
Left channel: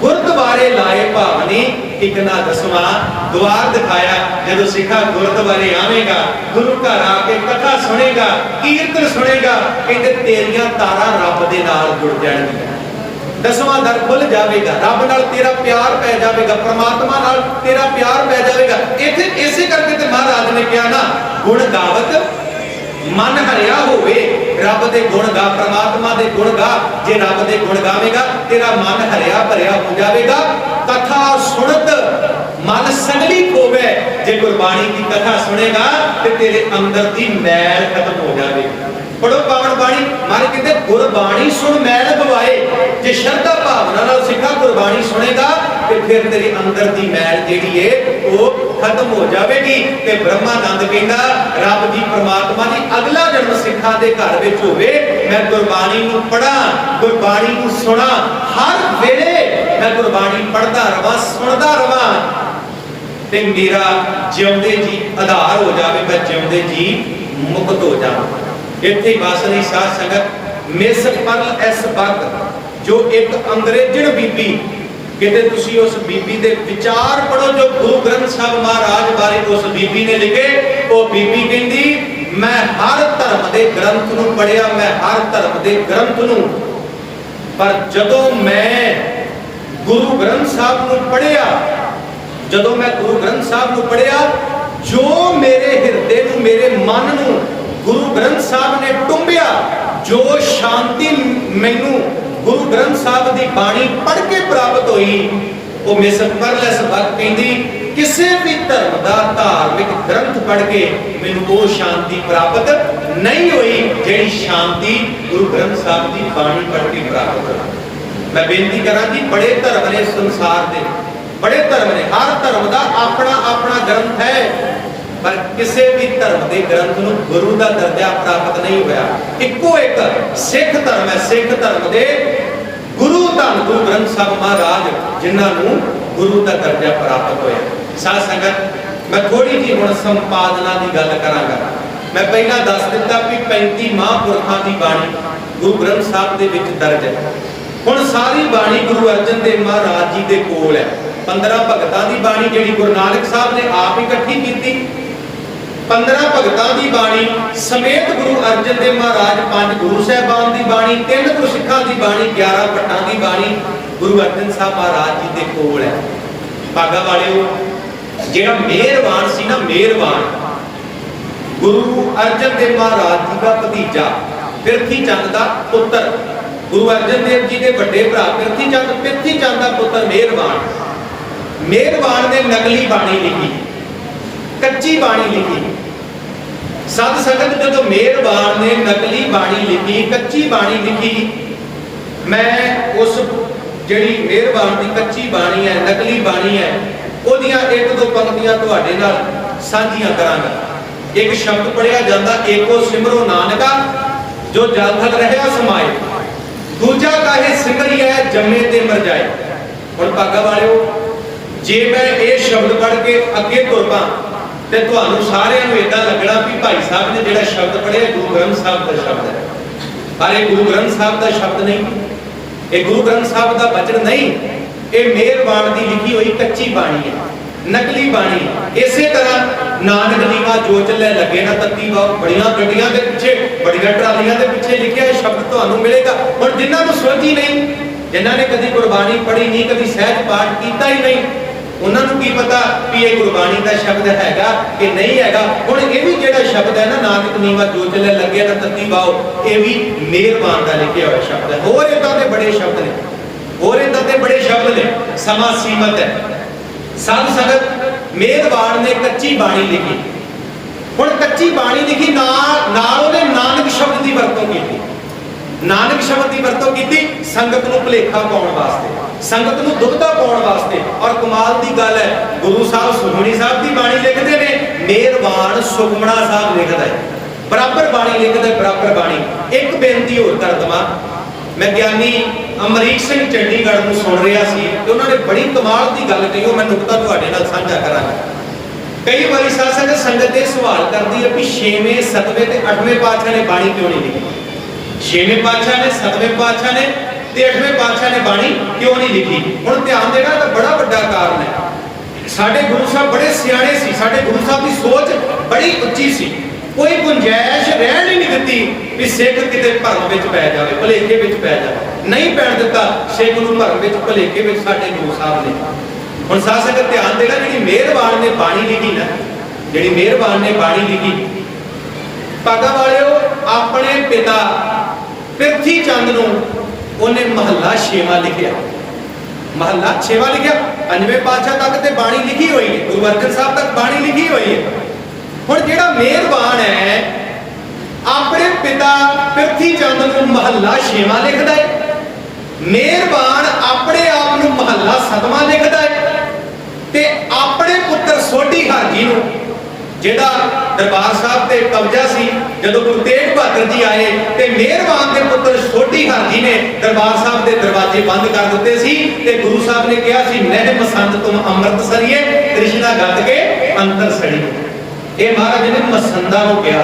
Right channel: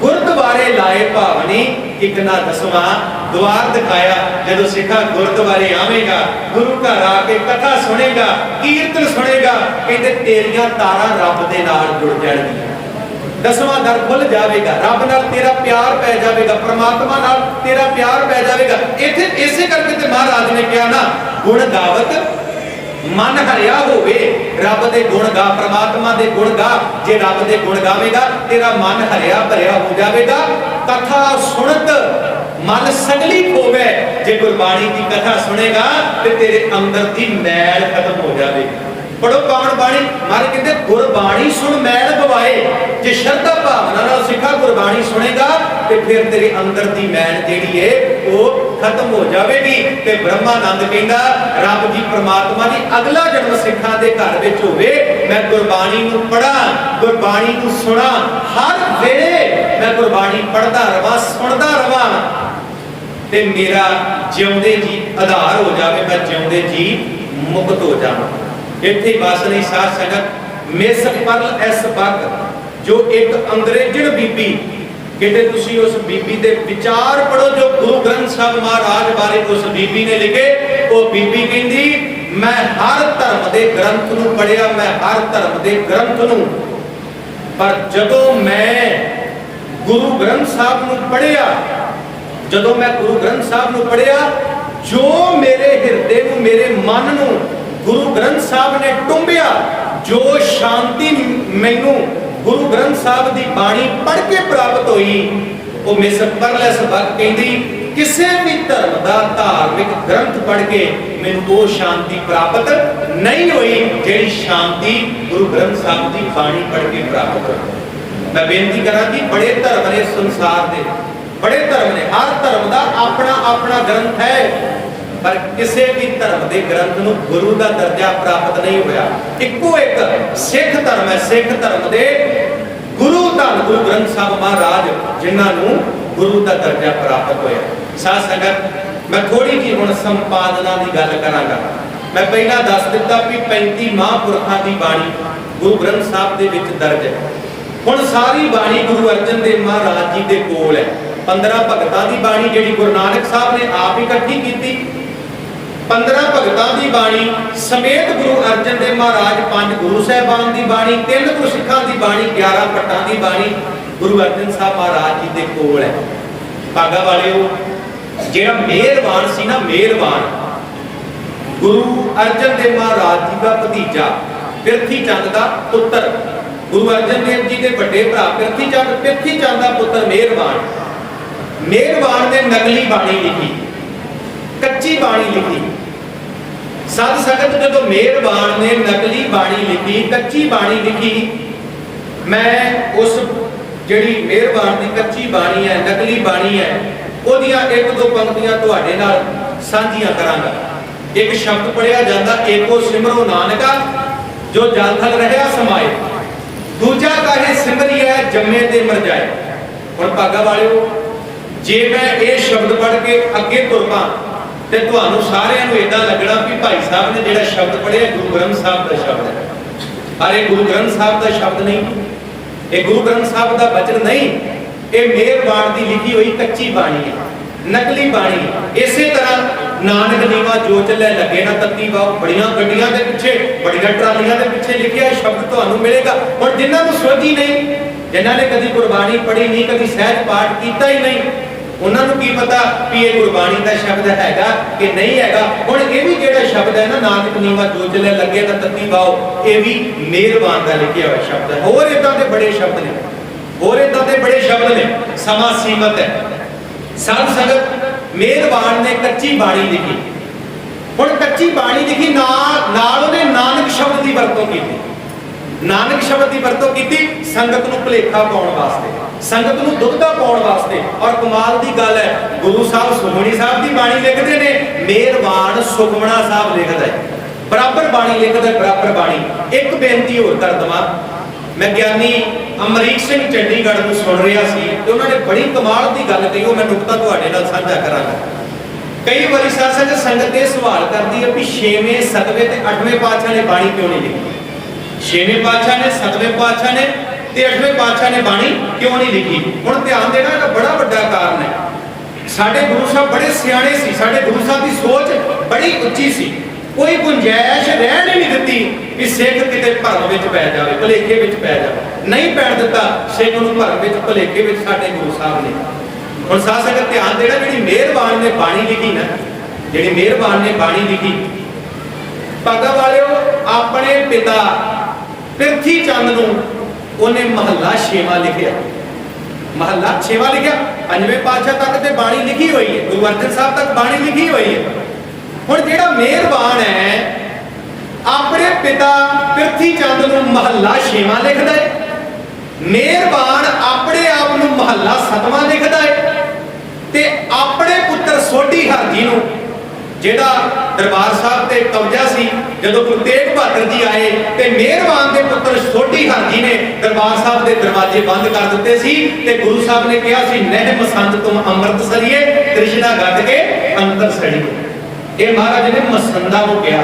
ਗੁਰਦੁਆਰੇ ਲਾਏ ਭਾਵਨੀ, ਇੱਕ ਨਾ 10ਵਾਂ ਦੁਆਰ ਦਿਖਾਇਆ। ਜਦੋਂ ਸਿੱਖਾ ਗੁਰਦੁਆਰੇ ਆਵੇਗਾ, ਗੁਰੂ ਘਰ ਆ ਕੇ ਕਥਾ ਸੁਣੇਗਾ, ਕੀਰਤਨ ਸੁਣੇਗਾ, ਕਹਿੰਦੇ ਤੇਰੀਆਂ ਤਾਰਾਂ ਰੱਬ ਦੇ ਨਾਲ ਜੁੜ ਜਾਣਗੀਆਂ। 10ਵਾਂ ਦਰ ਖੁੱਲ ਜਾਵੇਗਾ, ਰੱਬ ਨਾਲ ਤੇਰਾ ਪਿਆਰ ਪੈ ਜਾਵੇਗਾ, ਪਰਮਾਤਮਾ ਨਾਲ ਤੇਰਾ ਪਿਆਰ ਪੈ ਜਾਵੇਗਾ। ਇੱਥੇ ਇਸੇ ਕਰਕੇ ਤੇ ਮਹਾਰਾਜ ਨੇ ਕਿਹਾ ਨਾ, ਗੁਣ ਗਾਵਤ ਮਨ ਹਰਿਆ ਹੋਵੇ। ਰੱਬ ਦੇ ਗੁਣ ਗਾ, ਪ੍ਰਮਾਤਮਾ ਦੇ ਗੁਣ ਗਾ। ਜੇ ਰੱਬ ਦੇ ਗੁਣ ਗਾਵੇਗਾ, ਤੇਰਾ ਮਨ ਹਰਿਆ ਭਰਿਆ ਹੋ ਜਾਵੇਗਾ। ਕਥਾ ਸੁਣਤ ਮਨ ਸਗਲੀ ਖੋਵੇ। ਜੇ ਗੁਰਬਾਣੀ ਦੀ ਕਥਾ ਸੁਣੇਗਾ ਤੇ ਤੇਰੇ ਅੰਦਰ ਦੀ ਮੈਲ ਖਤਮ ਹੋ ਜਾਵੇਗੀ। ਪੜੋ ਪਾਵਨ ਬਾਣੀ। ਮਹਾਰਾਜ ਕਹਿੰਦੇ ਗੁਰਬਾਣੀ ਸੁਣ ਮੈਲ ਗਵਾਏ। ਜੇ ਸ਼ਰਧਾ ਭਾਵਨਾ ਨਾਲ ਸਿੱਖਾ ਗੁਰਬਾਣੀ ਸੁਣੇਗਾ ਤੇ ਫਿਰ ਤੇਰੇ ਅੰਦਰ ਦੀ ਮੈਲ ਜਿਹੜੀ ਏ ਉਹ ਖਤਮ ਹੋ ਜਾਵੇਗੀ। ਤੇ ਬ੍ਰਹਮਾਨੰਦ ਕਹਿੰਦਾ ਰੱਬ ਜੀ, ਪ੍ਰਮਾਤਮਾ ਜੀ, ਅਗਲਾ ਜਨਮ ਸਿੱਖਾਂ ਦੇ ਘਰ ਵਿੱਚ ਹੋਵੇ, ਮੈਂ ਗੁਰਬਾਣੀ ਨੂੰ ਪੜਾਂ, ਗੁਰਬਾਣੀ ਨੂੰ ਸੁਣਾ, ਹਰ ਵੇਲੇ ਮੈਂ ਗੁਰਬਾਣੀ ਪੜਦਾ ਰਵਾਂ, ਸੁਣਦਾ ਰਵਾਂ, ਤੇ ਮੇਰਾ ਜਿਉਂਦੇ ਜੀ ਆਧਾਰ ਹੋ ਜਾਵੇ, ਮੈਂ ਜਿਉਂਦੇ ਜੀ ਮੁਕਤ ਹੋ ਜਾਵਾਂ। ਇੱਥੇ ਬਸ ਨਹੀਂ ਸਾਧ ਸੰਗਤ। ਮਿਸ ਪਰਲ ਐਸ ਬਗ, ਜੋ ਇੱਕ ਅੰਗਰੇਜ਼ਣ ਬੀਬੀ, ਕਿਤੇ ਤੁਸੀਂ ਉਸ ਬੀਬੀ ਦੇ ਵਿਚਾਰ ਪੜੋ ਜੋ ਗੁਰੂ ਗ੍ਰੰਥ ਸਾਹਿਬ ਮਹਾਰਾਜ ਬਾਰੇ ਉਸ ਬੀਬੀ ਨੇ ਲਿਖੇ। ਉਹ ਬੀਬੀ ਕਹਿੰਦੀ, ਮੈਂ ਹਰ ਧਰਮ ਦੇ ਗ੍ਰੰਥ ਨੂੰ ਪੜਿਆ, ਮੈਂ ਹਰ ਧਰਮ ਦੇ ਗ੍ਰੰਥ ਨੂੰ, ਪਰ ਜਦੋਂ ਮੈਂ ਗੁਰੂ ਗ੍ਰੰਥ ਸਾਹਿਬ ਨੂੰ ਪੜਿਆ, ਜਦੋਂ ਮੈਂ ਗੁਰੂ ਗ੍ਰੰਥ ਸਾਹਿਬ ਨੂੰ ਪੜਿਆ, ਜੋ ਮੇਰੇ ਹਿਰਦੇ ਨੂੰ, ਮੇਰੇ ਮਨ ਨੂੰ ਗੁਰੂ ਗ੍ਰੰਥ ਸਾਹਿਬ ਨੇ ਟੁੰਬਿਆ, ਜੋ ਸ਼ਾਂਤੀ ਮੈਨੂੰ ਗੁਰੂ ਗ੍ਰੰਥ ਸਾਹਿਬ ਦੀ ਬਾਣੀ ਪੜ੍ਹ ਕੇ ਪ੍ਰਾਪਤ ਹੋਈ, ਉਹ ਮਿਸ ਪਰਲੈਸ ਬਗ ਕਹਿੰਦੀ ਕਿਸੇ ਵੀ ਧਰਮ ਦਾ ਧਾਰਮਿਕ ਗ੍ਰੰਥ ਪੜ੍ਹ ਕੇ ਮੈਨੂੰ ਉਹ ਸ਼ਾਂਤੀ ਪ੍ਰਾਪਤ ਨਹੀਂ ਹੋਈ ਜਿਹੜੀ ਸ਼ਾਂਤੀ ਗੁਰੂ ਗ੍ਰੰਥ ਸਾਹਿਬ ਦੀ ਬਾਣੀ ਪੜ੍ਹ ਕੇ ਪ੍ਰਾਪਤ ਹੋਈ। ਮੈਂ ਬੇਨਤੀ ਕਰਾਂ ਜੀ, ਬੜੇ ਧਰਮ ਨੇ ਸੰਸਾਰ ਦੇ, ਬੜੇ ਧਰਮ ਨੇ, ਹਰ ਧਰਮ ਦਾ ਆਪਣਾ ਆਪਣਾ ਗ੍ਰੰਥ ਹੈ, पर किसी भी धर्म के ग्रंथ नूं गुरु का दर्जा प्राप्त नहीं होया। इक्को एक सिख धर्म है, सिख धर्म के गुरु धन गुरु ग्रंथ साहब महाराज जिन्होंने गुरु का दर्जा प्राप्त होया। साध संगत मैं थोड़ी जी हुण संपादना की गल करांगा। मैं पहला दस दिता भी 35 महापुरखों की बाणी गुरु ग्रंथ साहब के विच दर्ज है। हुण सारी बाणी गुरु अर्जन देव महाराज जी के कोल है। 15 भगतां की बाणी जिहड़ी गुरु नानक साहब ने आप इकट्ठी की, 15 भगतां की बाणी समेत गुरु अर्जन देव महाराज 5 गुरु साहबान की बाणी, 3 गुरसिखां की बाणी, 11 भट्टां की बाणी गुरु अर्जन साहब महाराज जी के कोल है। भागा वालिओ जिहड़ा मेहरबान सी ना, मेहरबान गुरु अर्जन देव महाराज जी का भतीजा पिरथी चंद का पुत्र, गुरु अर्जन देव जी के बड़े भरा पिरथी चंद का पुत्र मेहरबान, मेहरबान ने नकली बाणी लिखी, कच्ची बाणी लिखी। साध संगत जो मेहरबान ने नकली बाणी लिखी, कच्ची बाणी लिखी, मैं उस जिहड़ी मेहरबान की कच्ची बाणी है, नकली बाणी है, ओदियां 1-2 पंक्तियां तुहाडे नाल साझियां करांगा। एक शब्द पढ़िया जाता, एको सिमरो नानका जो जल थल रहा समाए, दूजा काहे सिमरिए जम्मे ते मर जाए। हुण भागा वालिओ जे मैं ये शब्द पढ़ के अगे तुर पां ते तुहानूं सारिआं नूं इदां लगना भी भाई साहब ने जिहड़ा शब्द पढ़िया गुरु ग्रंथ साहब का शब्द है, पर यह गुरु ग्रंथ साहब का शब्द नहीं, ये गुरु ग्रंथ साहब का वचन नहीं, ये मेहरबान की लिखी हुई कच्ची बाणी है, नकली बाणी। इसे तरह नानक नीवा जो चले लगे ना तत्ती वाओ, बड़ियां गड्डियां के पिछे, बड़ियां ट्रालियां के पिछे लिखिया शब्द तुहानूं मिलेगा। हुण जिन्हां नूं सोझी नहीं, जिन्हां ने कदी गुरबाणी पढ़ी नहीं, कदी सहज पाठ कीता ही नहीं, उन्हां नूं की पता भी ये गुरबाणी का शब्द हैगा कि नहीं हैगा। हुण ये भी जिहड़ा शब्द है ना, नानक नीवा जो चले लगे ना तत्ती वाओ, ये भी मेहरबान का लिखिया हुआ शब्द है। होर इदां दे बड़े शब्द ने, होर इदां दे बड़े शब्द ने, समा सीमत है। साध संगत मेहरबान ने कच्ची बाणी लिखी। हुण कच्ची बाणी लिखी नाल उहने नानक शब्द की वरतों की, नानक शब्द की वरतों की संगत नूं भुलेखा पाउण वास्ते, संगत नूं दुविधा पाउण वास्ते। और कमाल की गल है, गुरु साहब सुखमणी साहब की बाणी लिखते हैं, मेहरबान सुखमणा साहब लिखता है, बराबर बाणी लिखता है, बराबर बाणी। एक बेनती होर कर दवां, मैं ज्ञानी अमरीक सिंह चंडीगढ़ को सुन रहा सी ते उन्होंने बड़ी कमाल की गल कही, वो मैं नुकता तुहाडे नाल साझा करांगा। कई बारी साध संगत संगत ये सवाल करती है भी 6वें 7वें ते 8वें पातशाह ने बाणी क्यों नहीं लिखी, 6वें पातशाह ने 7वें पातशाह ने ते 8वें पातशाह ने बाणी क्यों नहीं लिखी। हुण ध्यान देना, इहदा बड़ा वड्डा कारण है। साडे गुरु साहब बड़े सियाणे सी, साडे गुरु साहब की सोच बड़ी उच्ची सी, कोई गुंजाइश रहन ही नहीं दी भी सिख किते भरम विच पै जावे, भुलेखे विच पै जावे, नहीं पैण दिता सिख नूं भरम विच भुलेखे विच साडे गुरु साहब ने। हुण साध संगत ध्यान देना, जिहड़ी मेहरबान ने बाणी लिखी ना, जिहड़ी मेहरबान ने बाणी लिखी, भागा वालिओ अपने पिता पिरथी चंद नूं उहने महला 6वां लिखिया, महला 6वां लिखिया। 5वें पातशाह तक ते बाणी लिखी हुई है, गुरु अर्जन साहब तक बाणी लिखी हुई है। हुण जिहड़ा मेहरबान है अपने पिता पिरथी चंद नूं महला 6वां लिखदा है, मेहरबान अपने आप नूं महला 7वां लिखदा है, ते अपने पुत्र सोढी हर जी नूं जिहदा दरबार साहब ते कब्जा सी, जदों गुरु तेग बहादुर जी आए ते मेहरबान दे पुत्र सोढी हर जी ने दरबार साहब दे दरवाजे बंद कर दिते सी ते गुरु साहब ने कहा सी, नह मसंद तुम अमृत सरिए तृष्णा गद के अंतर सड़िए। ये महाराज ने मसंदा को कहा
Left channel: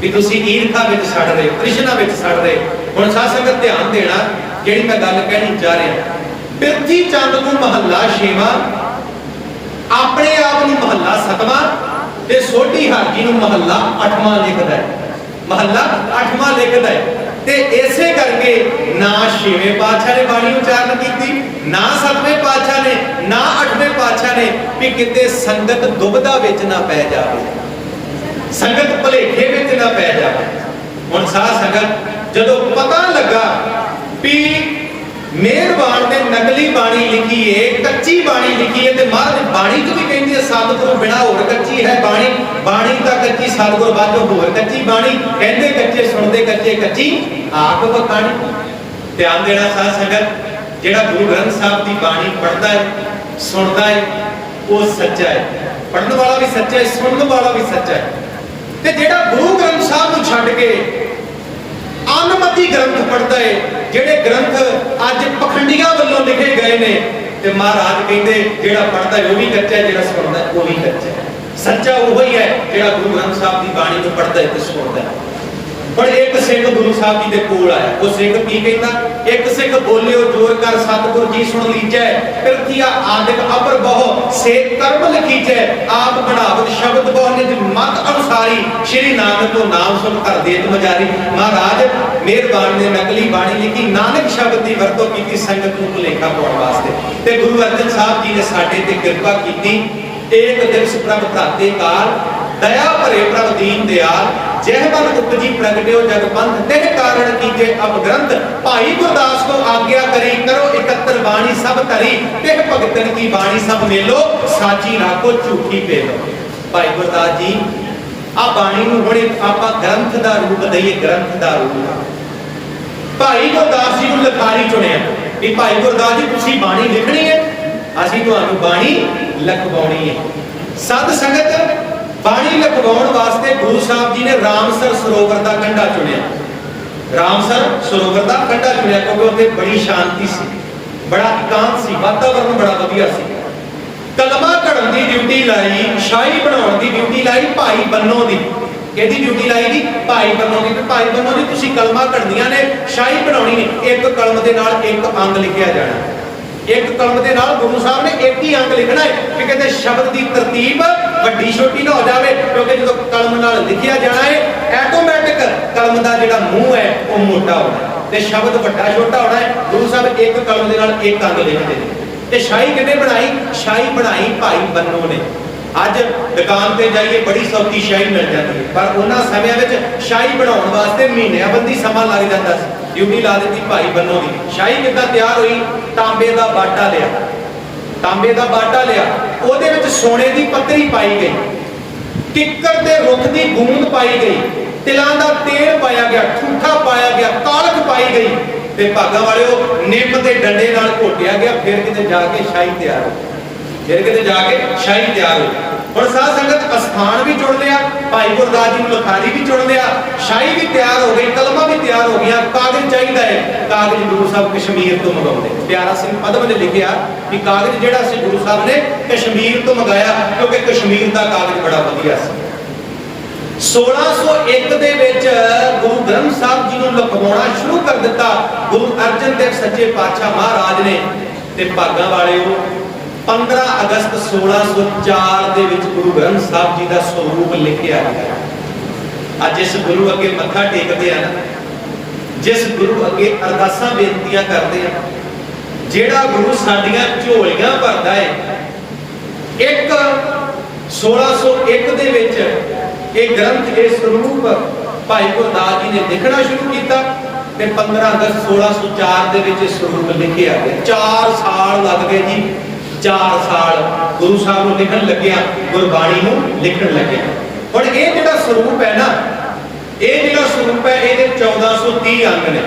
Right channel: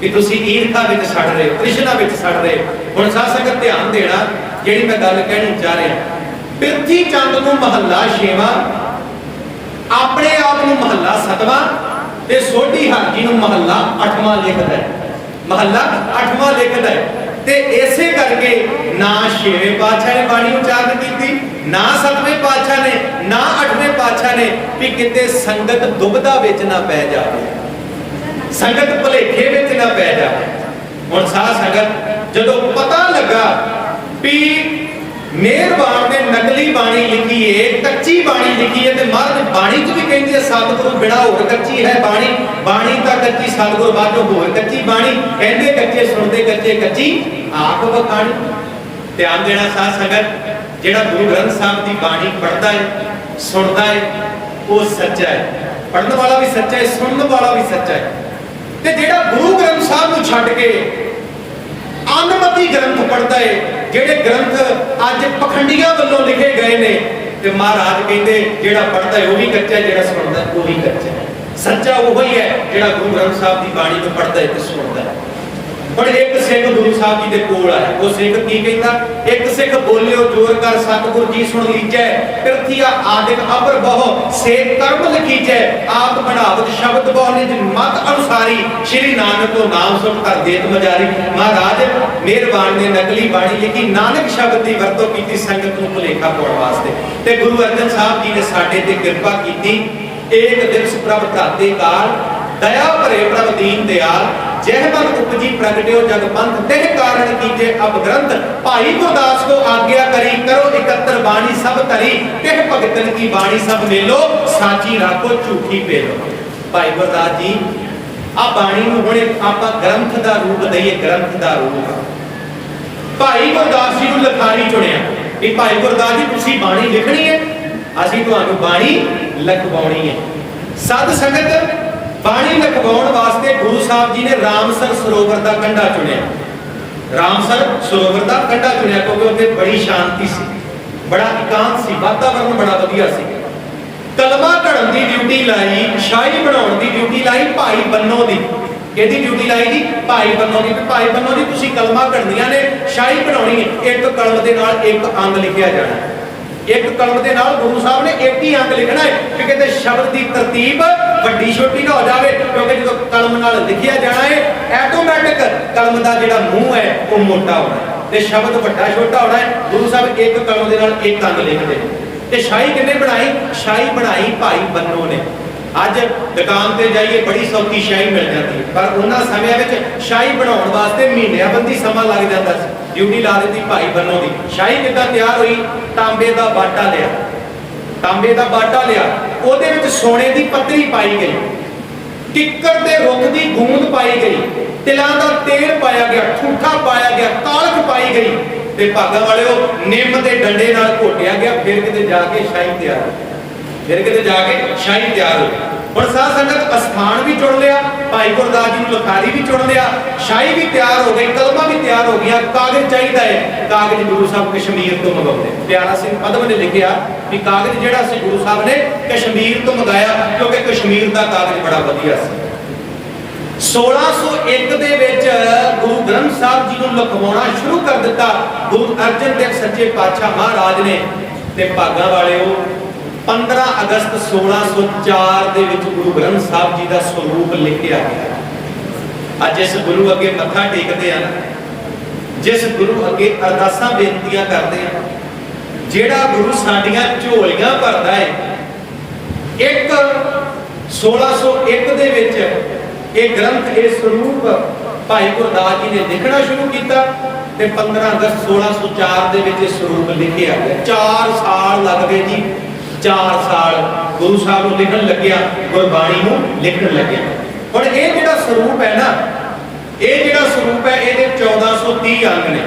कि तुसी ईर्खा विच सड़ रहे हो, तृष्णा विच सड़ रहे हो। हुण साध संगत ध्यान देना, जिहड़ी मैं गल कहनी चाह रहा, पिरथी चंद नूं महला 6वां, अपने आप नूं महला 7वां ते सोढी हर जी नूं महला 8वां लिखदा है, महला 8वां लिखदा है। ते इसे करके ना 6वें पातशाह ने बाणी उच्चारण की, ना 7वें पातशाह ने, ना 8वें पातशाह ने, भी किते संगत दुविधा विच ना पै जावे, संगत भुलेखे विच ना पै जावे। हुण साध संगत जदों पता लगा भी मेहरबान ने नकली बाणी लिखी है, कच्ची बाणी लिखी है, ते महाराज बाणी च भी कहंदी है सतगुरु बिना होर कच्ची है बाणी, बाणी तां कच्ची सतगुरु बातों होर कच्ची बाणी, कहंदे कच्चे सुनदे कच्चे कच्ची आख बखाणी। ध्यान देना साध संगत, जिहड़ा गुरु ग्रंथ साहब की बाणी पढ़दा है, सुनदा है, वो सच्चा है। पढ़ने वाला भी सच्चा है, सुनने वाला भी सच्चा है। ते जेड़ा गुरु ग्रंथ साहब नूं छड्ड के अनमति ग्रंथ पढ़ता है, जेड़े ग्रंथ अज पखंडियां वल्लों लिखे गए ने, ते महाराज कहंदे जेड़ा पढ़ता है वो भी कच्चा है, जेड़ा सुनता है वो भी कच्चा है। सच्चा वही है जेड़ा गुरु ग्रंथ साहब की बाणी को पढ़ता है ते सुनता है। पर एक सिख गुरु साहब जी दे कोल आया, वो सिख की कहंदा, एक सिख बोलियो जोर कर सतगुर जी सुन लीजै, पिरथिया आदिक अपर बहु से कर्म लिखीजै, आप बनावत शब्द बहु निज मत अनुसारी, श्री नानक को नाम सुन कर देत मजारी। महाराज मेहरबान ने नकली बाणी लिखी, नानक शब्द की वरतों की संगत नूं भुलेखा पाउण वास्ते। ते गुरु अर्जन साहब जी ने साडे ते किरपा कीती। एक दिवस प्रभ भ्राते काल, दया भरे प्रभ दीन दयाल, जह मन उपजी प्रगट्यो जग पंथ, तेह कारण कीजे अब ग्रंथ, भाई गुरदास को आज्ञा करी, करो एकत्र बाणी सब तरी, तेह भगतन की बाणी सब मेलो, साची राखो झूठी पेलो। भाई गुरदास जी आ बाणी नूं हुणे आपां ग्रंथ दा रूप दईए, ग्रंथ दा रूप। भाई गुरदास जी नूं लखारी चुनिया कि भाई गुरदास जी तुसीं बाणी लिखणी है, असीं तुहानूं बाणी लिखवाउणी है। सद संगत बाणी लिखवाउण वास्ते गुरु साहब जी ने रामसर सरोवर का कंढा चुनिया। रामसर सरोवर का कंढा चुनिया क्योंकि उत्थे बड़ी शांति सी, बड़ा एकांत सी, वातावरण बड़ा वधिया सी। कलमा घड़न की ड्यूटी लाई, शाही बनाउण की ड्यूटी लाई भाई बन्नो दी। किहदी ड्यूटी लाई जी? भाई बन्नो दी। भाई बन्नो जी तुसीं कलमा घड़नियां ने, शाही बनाउणी है, एक कलम दे नाल एक अंग लिखिया जाना। एक कलम के नाल गुरु साहब ने एक ही अंग लिखना है कि कहते शब्द की तरतीब वड्डी छोटी ना हो जाए, क्योंकि जो कलम नाल लिखिया जाना है ऐटोमैटिक कलम का जिहड़ा मूँह है वो मोटा होना है ते शब्द वड्डा छोटा होना है। गुरु साहब एक कलम के नाल एक अंग लिखते हैं। ते शाही किन्ने बनाई? शाही बनाई भाई बन्नो ने। अज दुकान पे जाइए बड़ी सौखी शाही मिल जाती है, पर उन्हां समयां विच शाही बनाउण वास्ते महीनियां समा लग जाता सी। ड्यूटी ला दी भाई बन्नो की। शाही किद्दां तैयार हुई? तांबे का बाटा लिया, तांबे का बाटा लिया, ਉਹਦੇ ਵਿੱਚ सोने की पत्तरी पाई गई, किक्कर के रुख की गूंद पाई गई, तिलां का तेल पाया गया, ठूठा पाया गया, कालख पाई गई, ते भागा वालिओ निम के डंडे नाल घोटिया गया। फिर किते जाके शाही तैयार हुई, फिर किते जाके शाही तैयार हुई। हुण साध संगत अस्थान भी चुन लिया, भाई गुरदास जी लखारी भी चुन लिया, शाही भी तैयार हो गई, कलमा भी तैयार हो गया, कागज चाहिए है। कागज गुरु साहब कश्मीर तो मंगाउंदे। प्यारा सिंह पदम ने लिखिया कि कागज जिहड़ा सी गुरु साहब ने कश्मीर तो मंगाया, क्योंकि कश्मीर का कागज बड़ा वधिया सी। 1601 ਦੇ ਵਿੱਚ ਗੁਰੂ ਗ੍ਰੰਥ ਸਾਹਿਬ ਜੀ ਨੂੰ ਲਿਖਵਾਉਣਾ ਸ਼ੁਰੂ ਕਰ ਦਿੱਤਾ ਗੁਰੂ ਅਰਜਨ ਦੇਵ ਸੱਚੇ ਪਾਤਸ਼ਾਹ ਮਹਾਰਾਜ ਨੇ। ਤੇ ਭਾਗਾਂ ਵਾਲਿਓ 15 ਅਗਸਤ 1604 ਦੇ ਵਿੱਚ ਗੁਰੂ ਗ੍ਰੰਥ ਸਾਹਿਬ ਜੀ ਦਾ ਸਰੂਪ ਲਿਖਿਆ ਗਿਆ। ਅੱਜ ਇਸ ਗੁਰੂ ਅੱਗੇ ਮੱਥਾ ਟੇਕਦੇ ਆ ਨਾ, ਜਿਸ ਗੁਰੂ ਅੱਗੇ ਅਰਦਾਸਾਂ ਬੇਨਤੀਆਂ ਕਰਦੇ ਆ, ਜਿਹੜਾ ਗੁਰੂ ਸਾਡੀਆਂ ਝੋਲੀਆਂ ਭਰਦਾ ਹੈ, ਇੱਕ 1601 ਦੇ ਵਿੱਚ ਇਹ ਗ੍ਰੰਥ, ਇਹ ਸਰੂਪ ਭਾਈ ਗੁਰਦਾਸ ਜੀ ਨੇ ਲਿਖਣਾ ਸ਼ੁਰੂ ਕੀਤਾ ਤੇ 15 ਅਗਸਤ 1604 ਦੇ ਵਿੱਚ ਇਹ ਸਰੂਪ ਲਿਖਿਆ ਗਿਆ। 4 ਸਾਲ ਲੱਗ ਗਏ ਜੀ, 4 ਸਾਲ ਗੁਰੂ ਸਾਹਿਬ ਨੂੰ ਲਿਖਣ ਲੱਗਿਆ, ਗੁਰਬਾਣੀ ਨੂੰ ਲਿਖਣ ਲੱਗਿਆ। ਹੁਣ ਇਹ ਜਿਹੜਾ ਸਰੂਪ ਹੈ ਨਾ, ਇਹ ਜਿਹੜਾ ਸਰੂਪ ਹੈ ਇਹਦੇ 1430 ਅੰਗ ਨੇ,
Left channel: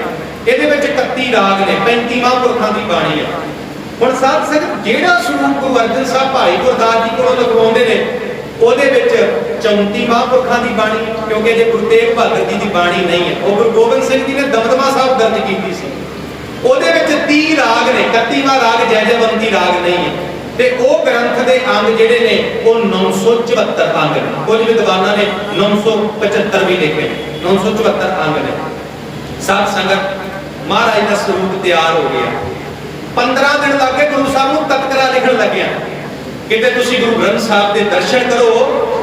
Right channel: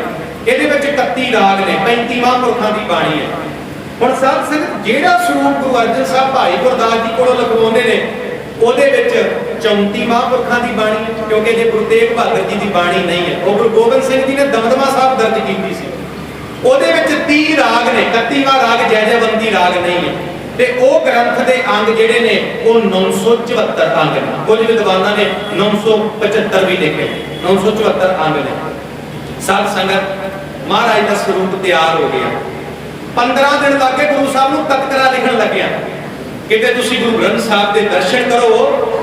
ਇਹਦੇ ਵਿੱਚ 31 ਰਾਗ ਨੇ, 35 ਮਹਾਂਪੁਰਖਾਂ ਦੀ ਬਾਣੀ ਹੈ। ਹੁਣ ਸਾਧ ਸੰਗਤ ਜਿਹੜਾ ਸਰੂਪ ਗੁਰੂ ਅਰਜਨ ਸਾਹਿਬ ਭਾਈ ਗੁਰਦਾਸ ਜੀ ਕੋਲੋਂ ਲਿਖਵਾਉਂਦੇ ਨੇ, ਉਹਦੇ ਵਿੱਚ 34 ਮਹਾਂਪੁਰਖਾਂ ਦੀ ਬਾਣੀ ਹੈ, ਕਿਉਂਕਿ ਜੇ ਗੁਰੂ ਤੇਗ ਬਹਾਦਰ ਜੀ ਦੀ ਬਾਣੀ ਨਹੀਂ ਹੈ, ਉਹ ਗੁਰੂ ਗੋਬਿੰਦ ਸਿੰਘ ਜੀ ਨੇ ਦਮਦਮਾ ਸਾਹਿਬ ਦਰਜ ਕੀਤੀ ਸੀ, ਉਹਦੇ ਵਿੱਚ 30 ਰਾਗ ਨੇ, 31ਵਾਂ ਰਾਗ ਜੈਜੈਵੰਤੀ ਰਾਗ ਨਹੀਂ ਹੈ। ਤੇ ਉਹ ਗ੍ਰੰਥ ਦੇ ਅੰਗ ਜਿਹੜੇ ਨੇ ਉਹ 974 ਅੰਗ ਨੇ। ਕੁਝ ਵਿਦਵਾਨਾਂ ਨੇ 975 ਵੀ ਲਿਖੇ, 974 ਅੰਗ ਨੇ। ਸਾਧ ਸੰਗਤ ਮਹਾਰਾਜ ਦਾ ਸਰੂਪ ਤਿਆਰ ਹੋ ਗਿਆ। 15 ਦਿਨ ਲੱਗੇ ਗੁਰੂ ਸਾਹਿਬ ਨੂੰ ਤਤਕਰਾ ਲਿਖਣ ਲੱਗਿਆ। ਕਿਤੇ ਤੁਸੀਂ ਗੁਰੂ ਗ੍ਰੰਥ ਸਾਹਿਬ ਦੇ ਦਰਸ਼ਨ ਕਰੋ